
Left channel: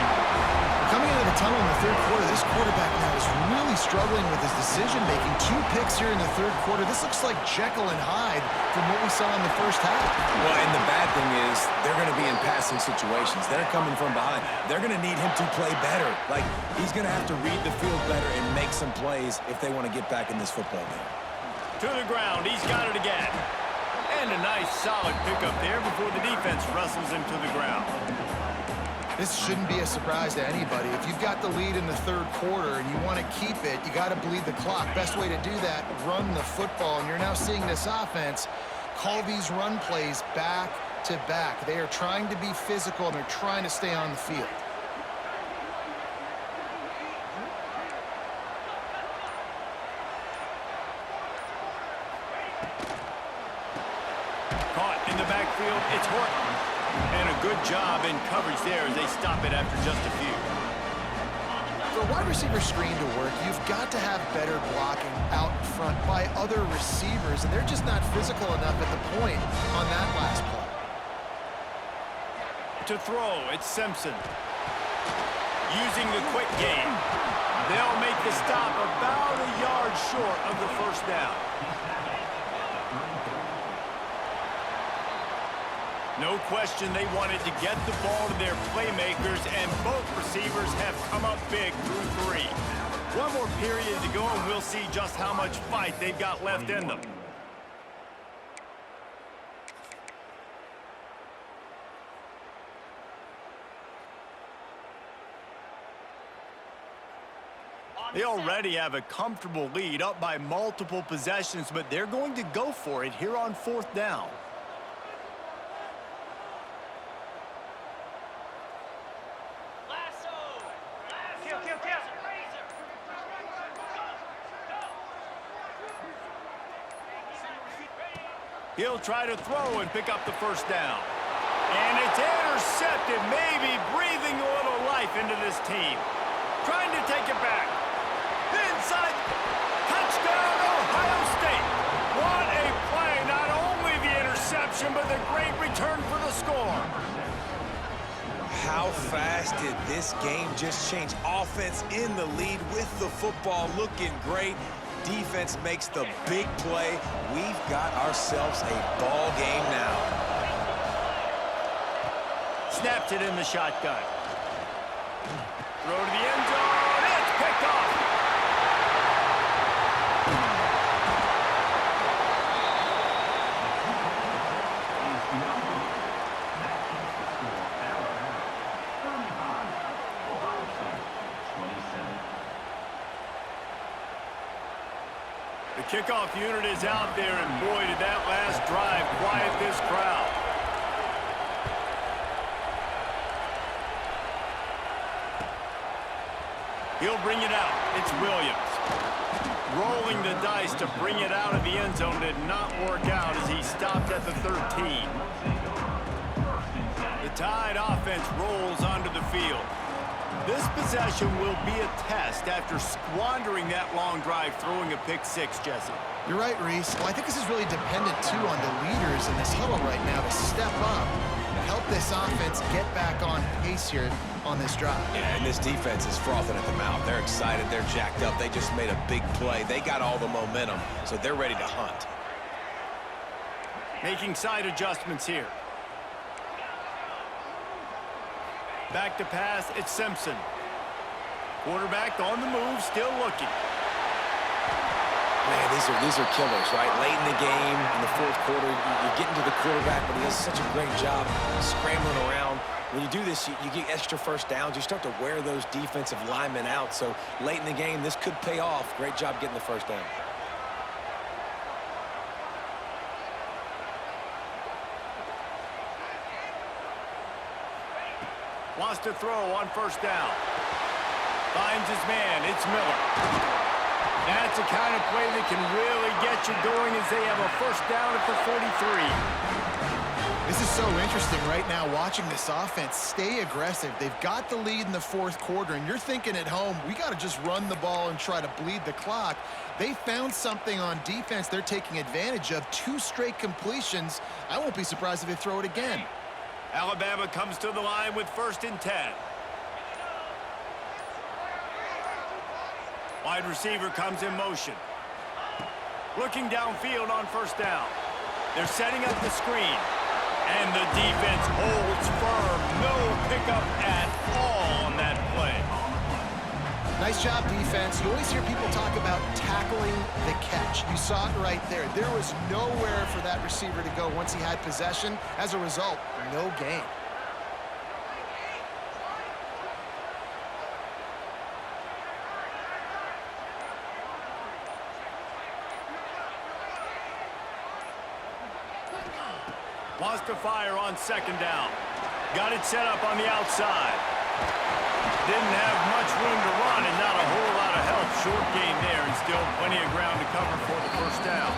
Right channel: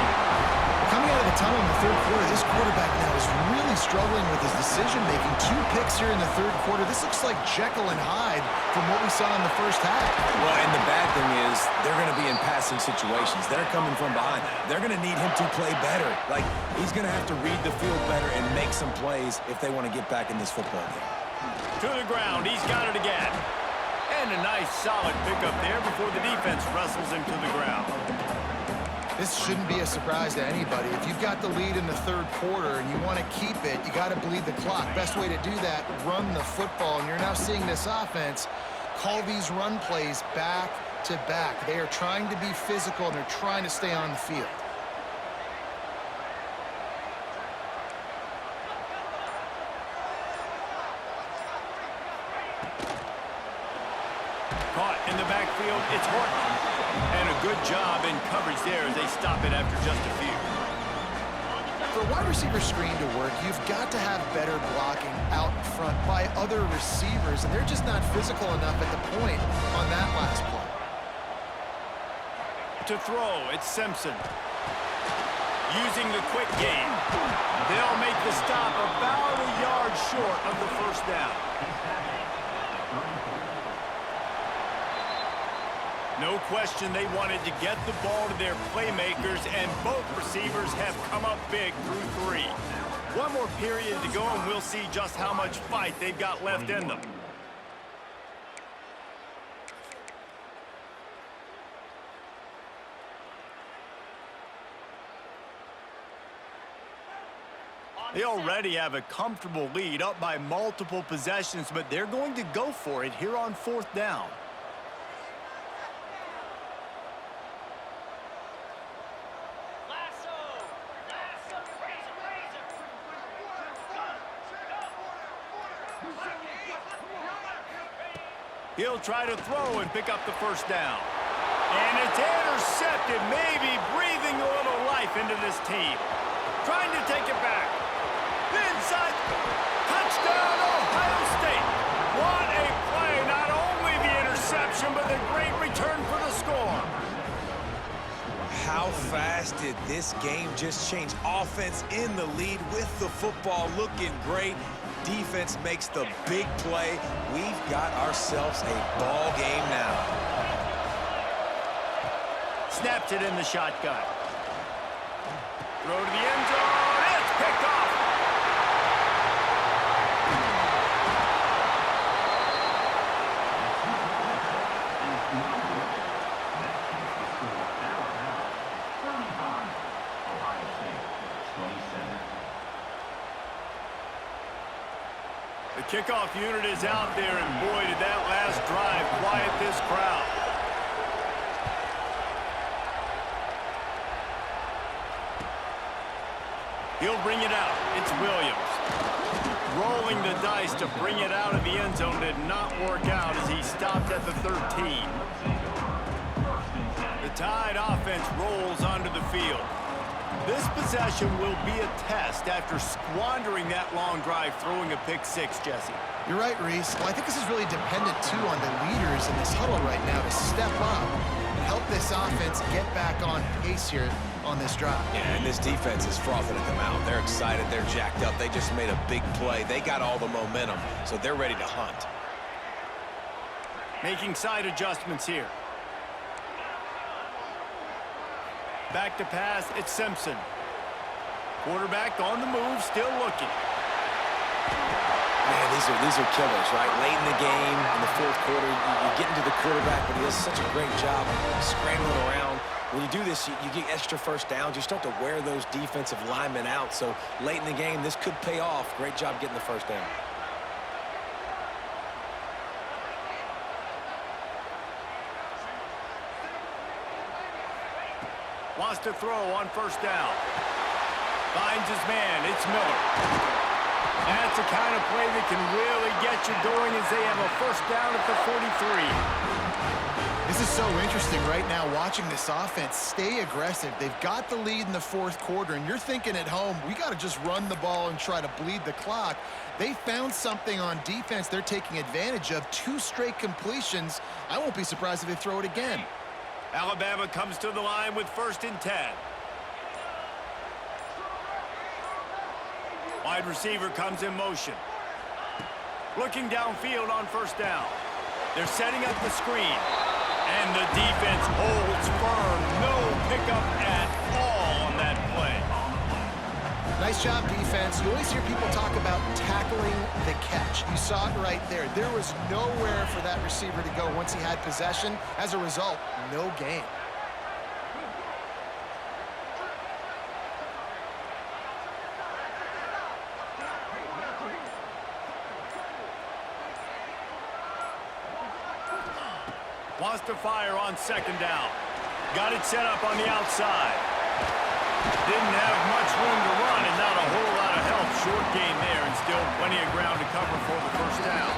Coming out of the tunnel in the 3rd quarter, this quarterback now is really struggling with his decision-making. 2 picks here in the 3rd quarter. This looks like Jekyll and Hyde from what we saw in the first half. Well, and the bad thing is they're going to be in passing situations. They're coming from behind. They're going to need him to play better. Like, he's going to have to read the field better and make some plays if they want to get back in this football game. To the ground. He's got it again. And a nice, solid pickup there before the defense wrestles him to the ground. This shouldn't be a surprise to anybody. If you've got the lead in the 3rd quarter and you want to keep it, you got to bleed the clock. Best way to do that, run the football. And you're now seeing this offense call these run plays back to back. They are trying to be physical, and they're trying to stay on the field. Caught in the backfield, it's Horton. And a good job in coverage there as they stop it after just a few. For a wide receiver screen to work, you've got to have better blocking out front by other receivers, and they're just not physical enough at the point on that last play. To throw, it's Simpson. Using the quick game. They'll make the stop about a yard short of the first down. No question they wanted to get the ball to their playmakers, and both receivers have come up big through 3. One more period to go, and we'll see just how much fight they've got left in them. They already have a comfortable lead, up by multiple possessions, but they're going to go for it here on 4th down. He'll try to throw and pick up the first down. And it's intercepted, maybe breathing a little life into this team. Trying to take it back. Inside. Touchdown, Ohio State. What a play. Not only the interception, but the great return for the score. How fast did this game just change? Offense in the lead with the football, looking great. Defense makes the big play. We've got ourselves a ball game now. Snaps it in the shotgun. Throw to the end zone. It's picked off. The kickoff unit is out there, and boy, did that last drive quiet this crowd. He'll bring it out. It's Williams. Rolling the dice to bring it out of the end zone did not work out as he stopped at the 13. The Tide offense rolls onto the field. This possession will be a test after squandering that long drive, throwing a pick-6, Jesse. You're right, Reese. Well, I think this is really dependent, too, on the leaders in this huddle right now to step up and help this offense get back on pace here on this drive. Yeah, and this defense is frothing at the mouth. They're excited. They're jacked up. They just made a big play. They got all the momentum, so they're ready to hunt. Making side adjustments here. Back to pass, it's Simpson. Quarterback on the move, still looking. Man, these are killers, right? Late in the game, in the 4th quarter, you're getting to the quarterback, but he does such a great job scrambling around. When you do this, you get extra first downs. You start to wear those defensive linemen out. So late in the game, this could pay off. Great job getting the first down. Wants to throw on first down. Finds his man. It's Miller. That's the kind of play that can really get you going as they have a first down at the 43. This is so interesting right now, watching this offense stay aggressive. They've got the lead in the 4th quarter, and you're thinking at home, we got to just run the ball and try to bleed the clock. They found something on defense they're taking advantage of. 2 straight completions. I won't be surprised if they throw it again. Alabama comes to the line with 1st and 10. Wide receiver comes in motion. Looking downfield on first down. They're setting up the screen. And the defense holds firm. No pickup at all on that play. Nice job, defense. You always hear people talk about tackling the catch. You saw it right there. There was nowhere for that receiver to go once he had possession. As a result, no gain. Wants to fire on second down. Got it set up on the outside. Didn't have much room to run and not a whole lot of help. Short gain there and still plenty of ground to cover for the first down.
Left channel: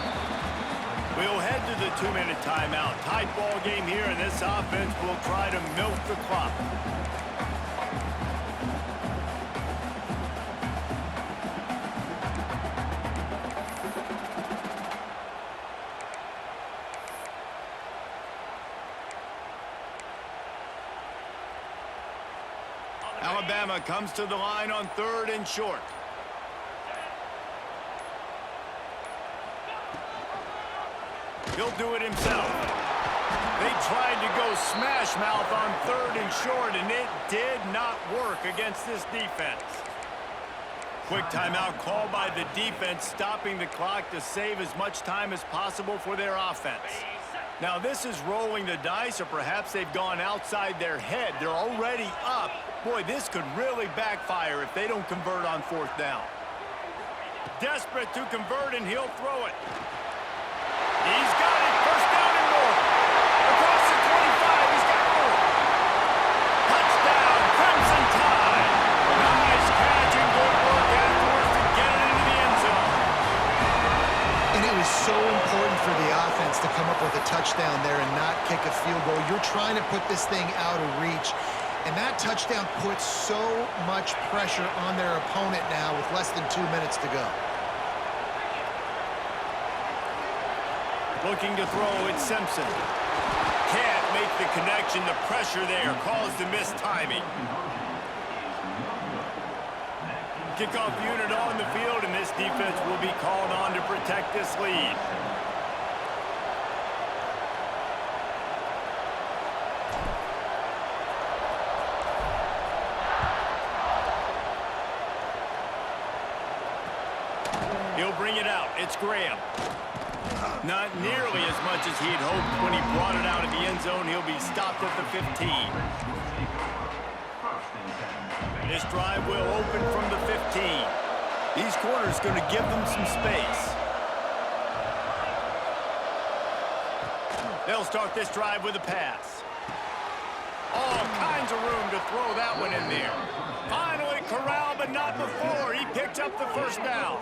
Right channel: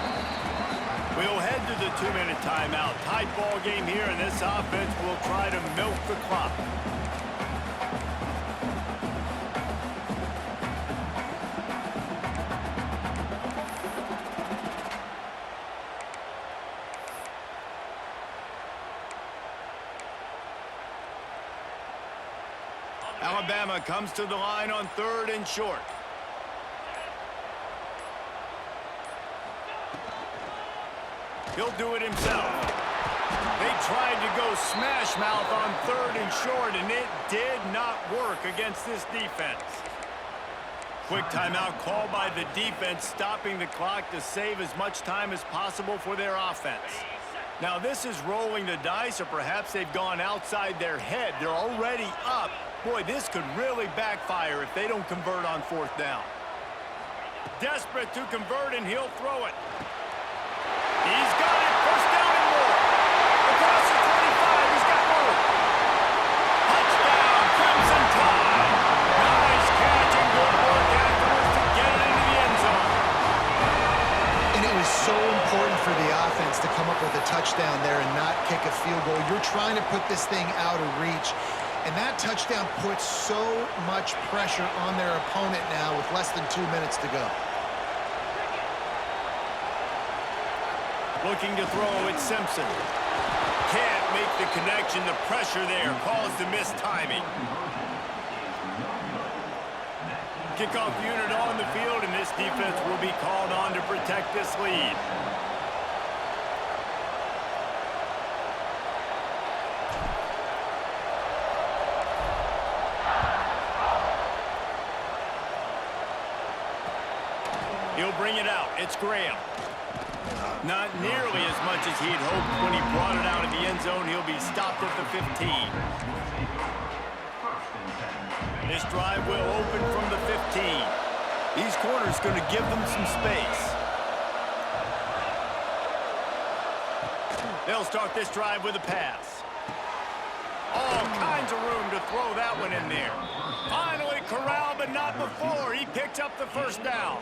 We'll head to the 2-minute timeout. Tight ball game here, and this offense will try to milk the clock. Alabama comes to the line on 3rd and short. He'll do it himself. They tried to go smash mouth on 3rd and short, and it did not work against this defense. Quick timeout called by the defense, stopping the clock to save as much time as possible for their offense. Now, this is rolling the dice, or perhaps they've gone outside their head. They're already up. Boy, this could really backfire if they don't convert on 4th down. Desperate to convert, and he'll throw it. He's got it. First down and more. Across the 25. He's got room. Touchdown, Crimson Tide. Nice catch and good work afterwards to get it into the end zone. And it was so important for the offense to come up with a touchdown there and not kick a field goal. You're trying to put this thing out of reach. And that touchdown puts so much pressure on their opponent now with less than 2 minutes to go. Looking to throw, it's Simpson. Can't make the connection. The pressure there caused the missed timing. Kickoff unit on the field, and this defense will be called on to protect this lead. He'll bring it out. It's Graham. Not nearly as much as he'd hoped when he brought it out of the end zone. He'll be stopped at the 15. This drive will open from the 15. These corners going to give them some space. They'll start this drive with a pass. All kinds of room to throw that one in there. Finally corralled, but not before. He picked up the first down.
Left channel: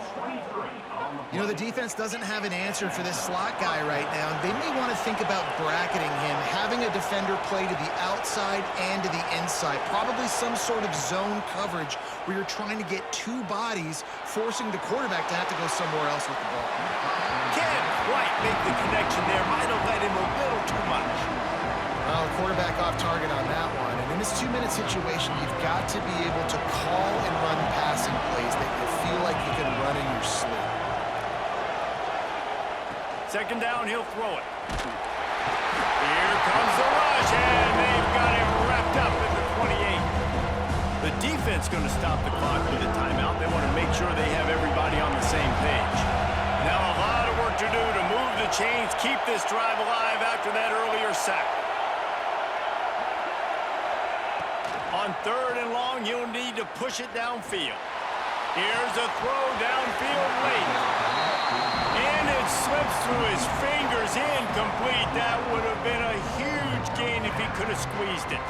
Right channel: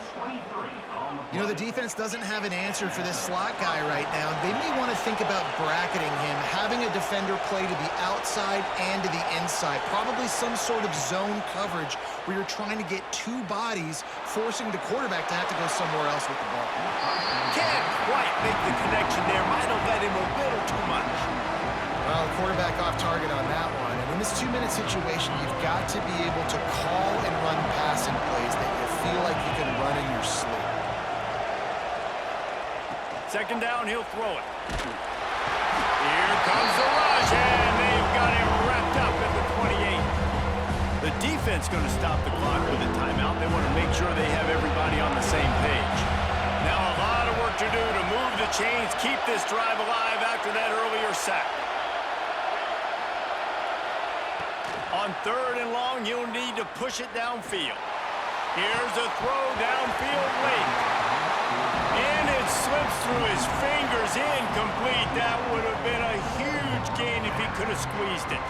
You know, the defense doesn't have an answer for this slot guy right now. They may want to think about bracketing him, having a defender play to the outside and to the inside. Probably some sort of zone coverage where you're trying to get two bodies, forcing the quarterback to have to go somewhere else with the ball. Can't quite make the connection there. Might have let him a little too much. Well, the quarterback off target on that one. And in this 2-minute situation, you've got to be able to call and run passing plays that you feel like you can run in your sleep. Second down, he'll throw it. Here comes the rush, and they've got him wrapped up at the 28. The defense going to stop the clock with a timeout. They want to make sure they have everybody on the same page. Now a lot of work to do to move the chains, keep this drive alive after that earlier sack. On 3rd and long, you'll need to push it downfield. Here's a throw downfield late. And it slips through his fingers, incomplete. That would have been a huge gain if he could have squeezed it.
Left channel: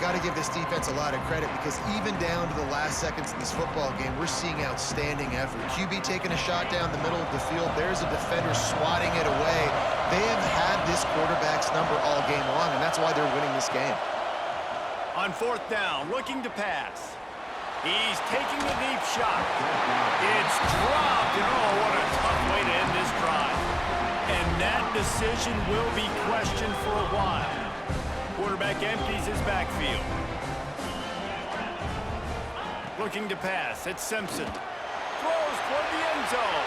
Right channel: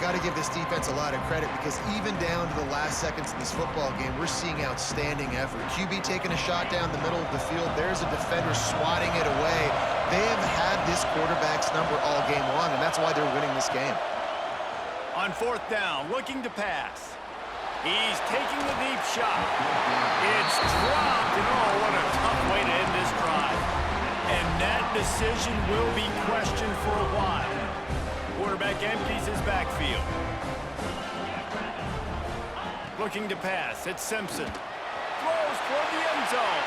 Got to give this defense a lot of credit because even down to the last seconds of this football game, we're seeing outstanding effort. QB taking a shot down the middle of the field. There's a defender swatting it away. They have had this quarterback's number all game long, and that's why they're winning this game. On 4th down, looking to pass. He's taking the deep shot. It's dropped, and oh, what a tough way to end this drive. And that decision will be questioned for a while. Quarterback empties his backfield. Looking to pass, it's Simpson. Throws toward the end zone.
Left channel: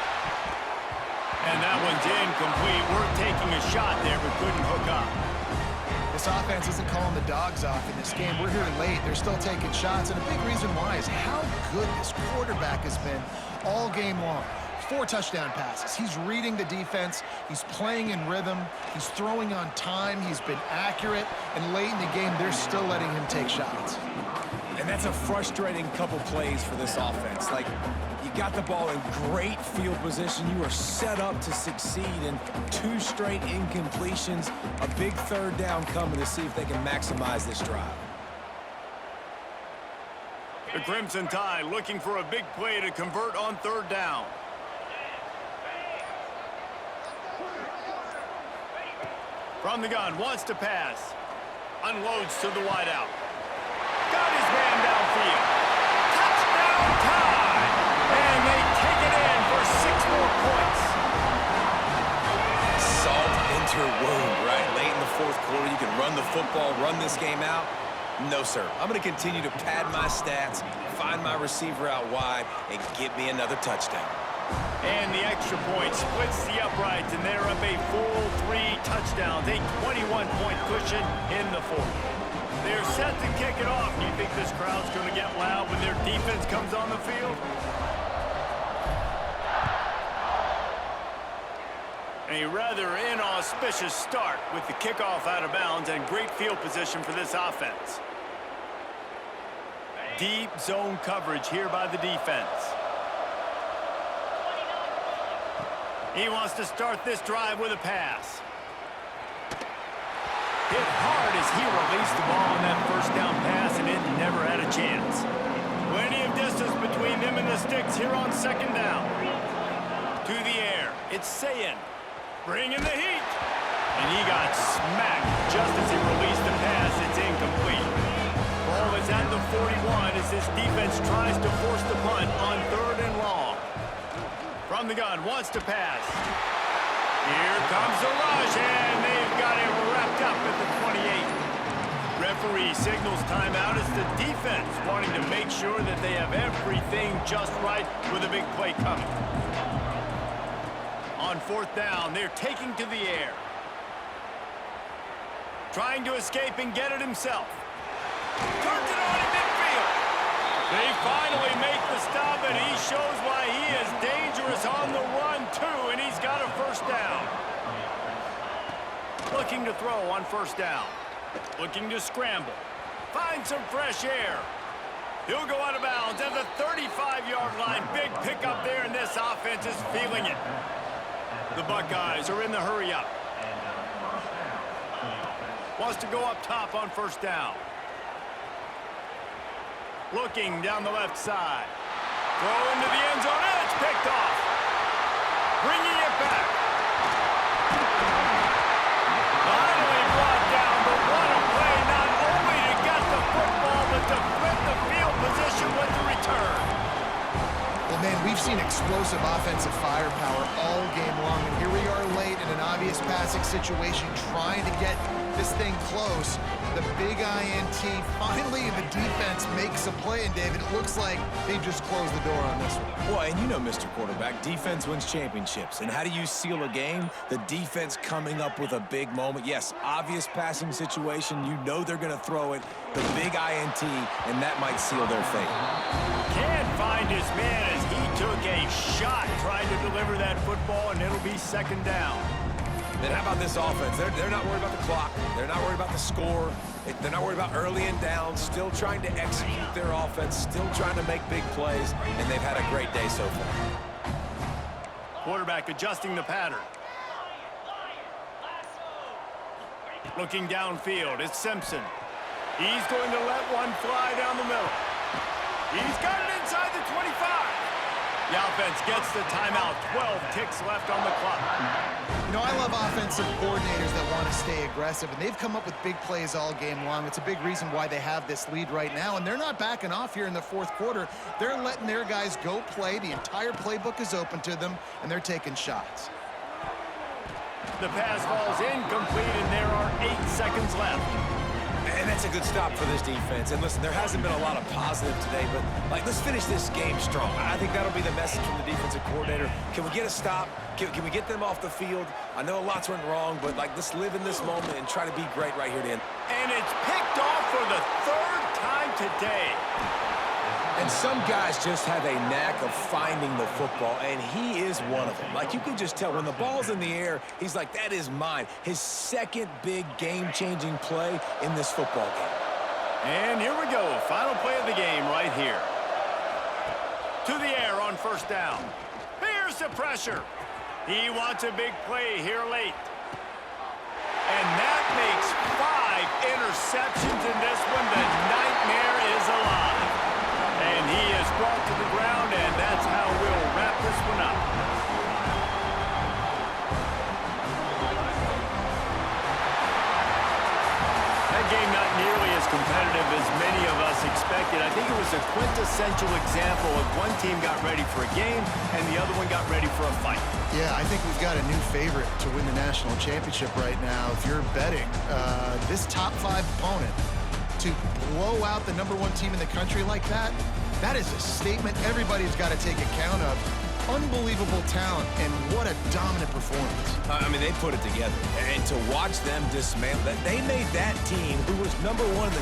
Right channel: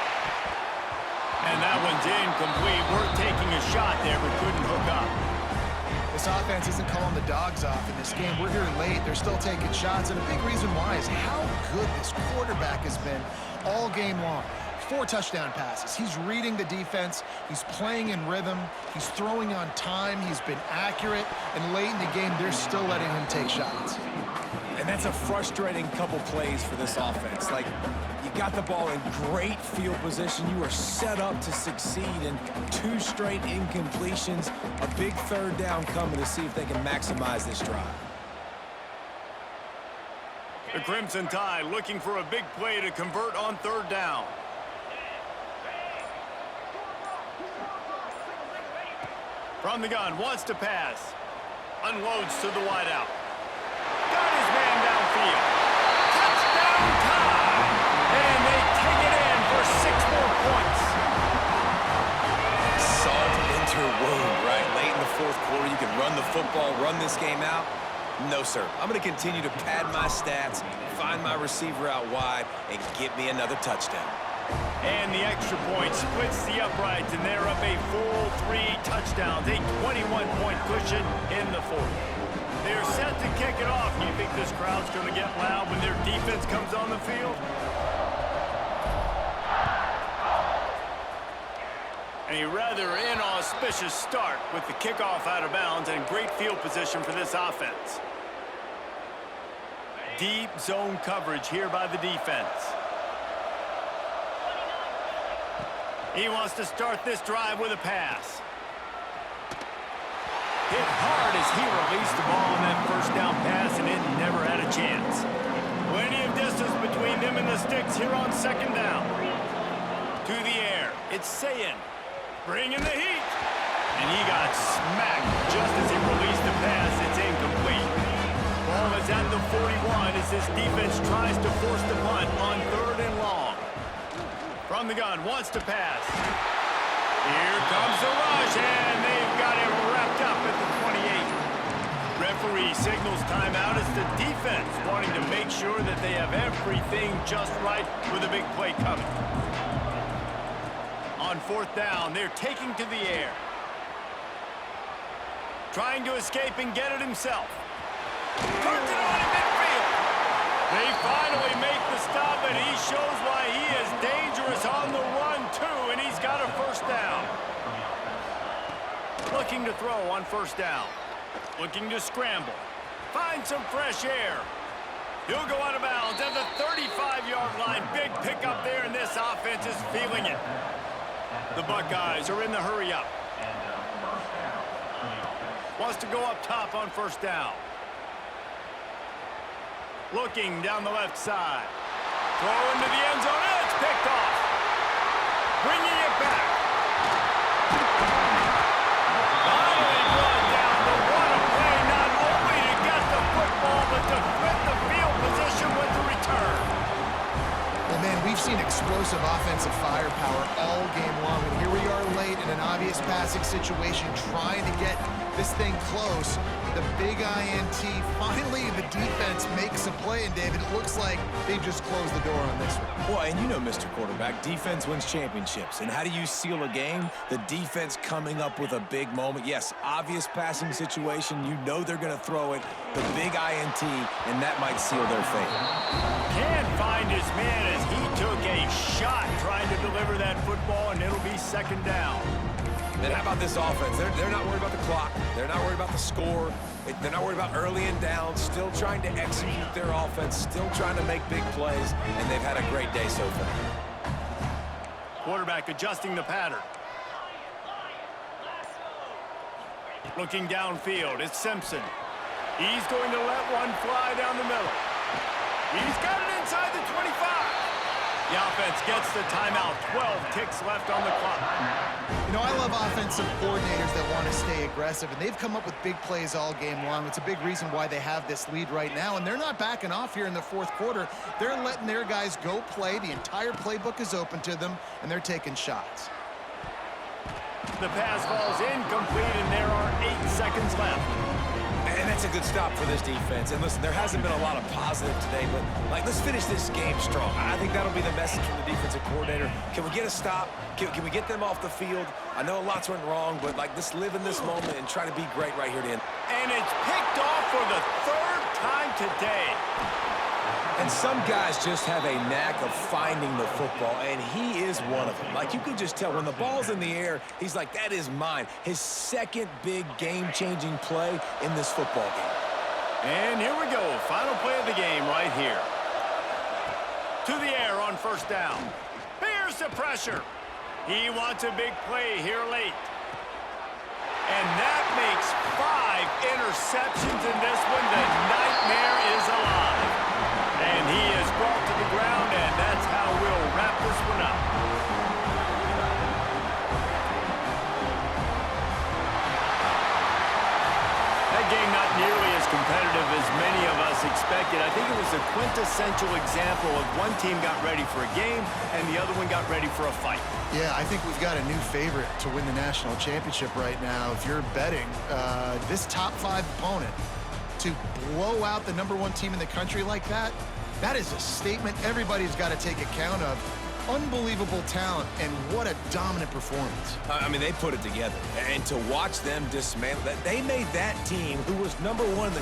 And that one's incomplete. Worth taking a shot there, but couldn't hook up. This offense isn't calling the dogs off in this game. We're here late. They're still taking shots, and a big reason why is how good this quarterback has been all game long. 4 touchdown passes. He's reading the defense. He's playing in rhythm. He's throwing on time. He's been accurate. And late in the game, they're still letting him take shots. And that's a frustrating couple plays for this offense. Like, you got the ball in great field position. You are set up to succeed, and 2 straight incompletions. A big third down coming to see if they can maximize this drive. The Crimson Tide looking for a big play to convert on third down. From the gun, wants to pass. Unloads to the wideout. Got his man downfield. Touchdown Tide! And they take it in for 6 more points. Salt into her wound, right? Late in the fourth quarter, you can run the football, run this game out. No, sir. I'm going to continue to pad my stats, find my receiver out wide, and get me another touchdown. And the extra point splits the uprights, and they're up a full 3 touchdowns, a 21-point cushion in the fourth. They're set to kick it off. Do you think this crowd's going to get loud when their defense comes on the field? A rather inauspicious start with the kickoff out of bounds and great field position for this offense. Deep zone coverage here by the defense. He wants to start this drive with a pass. Hit hard as he released the ball on that first down pass, and it never had a chance. Plenty of distance between them and the sticks here on second down. To the air, it's Sayin. Bringing the heat. And he got smacked just as he released the pass. It's incomplete. Ball is at the 41 as this defense tries to force the punt on 3rd and long. From the gun, wants to pass. Here comes the rush, and they've got it wrapped up at the 28. Referee signals timeout as the defense wanting to make sure that they have everything just right with a big play coming. On 4th down, they're taking to the air. Trying to escape and get it himself. Turns it on in midfield. They finally make the stop, and he shows why he is dangerous on the run, too, and he's got a first down. Looking to throw on 1st down. Looking to scramble. Find some fresh air. He'll go out of bounds at the 35-yard line. Big pickup there, and this offense is feeling it. The Buckeyes are in the hurry-up. Wants to go up top on 1st down. Looking down the left side. Throw into the end zone, and it's picked off. Bringing it back. Finally brought down, but what a play, not only to get the football, but to flip the field position with the return. Well, man, we've seen explosive offensive firepower all game long, and here we are late in an obvious passing situation trying to get this thing close. The big INT, finally the defense makes a play, and David, it looks like they just closed the door on this one. Well, and you know, Mr. Quarterback, defense wins championships. And how do you seal a game? The defense coming up with a big moment. Yes, obvious passing situation. You know they're going to throw it. The big INT, and that might seal their fate. Can't find his man as he took a shot trying to deliver that football, and it'll be 2nd down. Then how about this offense? They're not worried about the clock. They're not worried about the score. They're not worried about early and down. Still trying to execute their offense. Still trying to make big plays. And they've had a great day so far. Quarterback adjusting the pattern. Looking downfield, it's Simpson. He's going to let one fly down the middle. He's got it inside the 25. The offense gets the timeout. 12 ticks left on the clock. You know, I love offensive coordinators that want to stay aggressive, and they've come up with big plays all game long. It's a big reason why they have this lead right now, and they're not backing off here in the 4th quarter. They're letting their guys go play. The entire playbook is open to them, and they're taking shots. The pass falls incomplete, and there are 8 seconds left. And that's a good stop for this defense. And listen, there hasn't been a lot of positive today, but let's finish this game strong. I think that'll be the message from the defensive coordinator. Can we get a stop? Can we get them off the field? I know lots went wrong, but let's live in this moment and try to be great right here at the end. And it's picked off for the 3rd time today. And some guys just have a knack of finding the football, and he is one of them. You can just tell when the ball's in the air, he's like, that is mine. His 2nd big game-changing play in this football game. And here we go. Final play of the game right here. To the air on first down. Here's the pressure. He wants a big play here late. And that makes 5 interceptions in this one. The nightmare is alive. And he is brought to the ground, and that's how we'll wrap this one up. That game not nearly as competitive as many of us expected. I think it was a quintessential example of one team got ready for a game and the other one got ready for a fight. Yeah, I think we've got a new favorite to win the national championship right now. If you're betting this top 5 opponent to blow out the #1 team in the country like that, that is a statement everybody's got to take account of. Unbelievable talent, and what a dominant performance. I mean, they put it together. And to watch them dismantle that, they made that team, who was #1 in the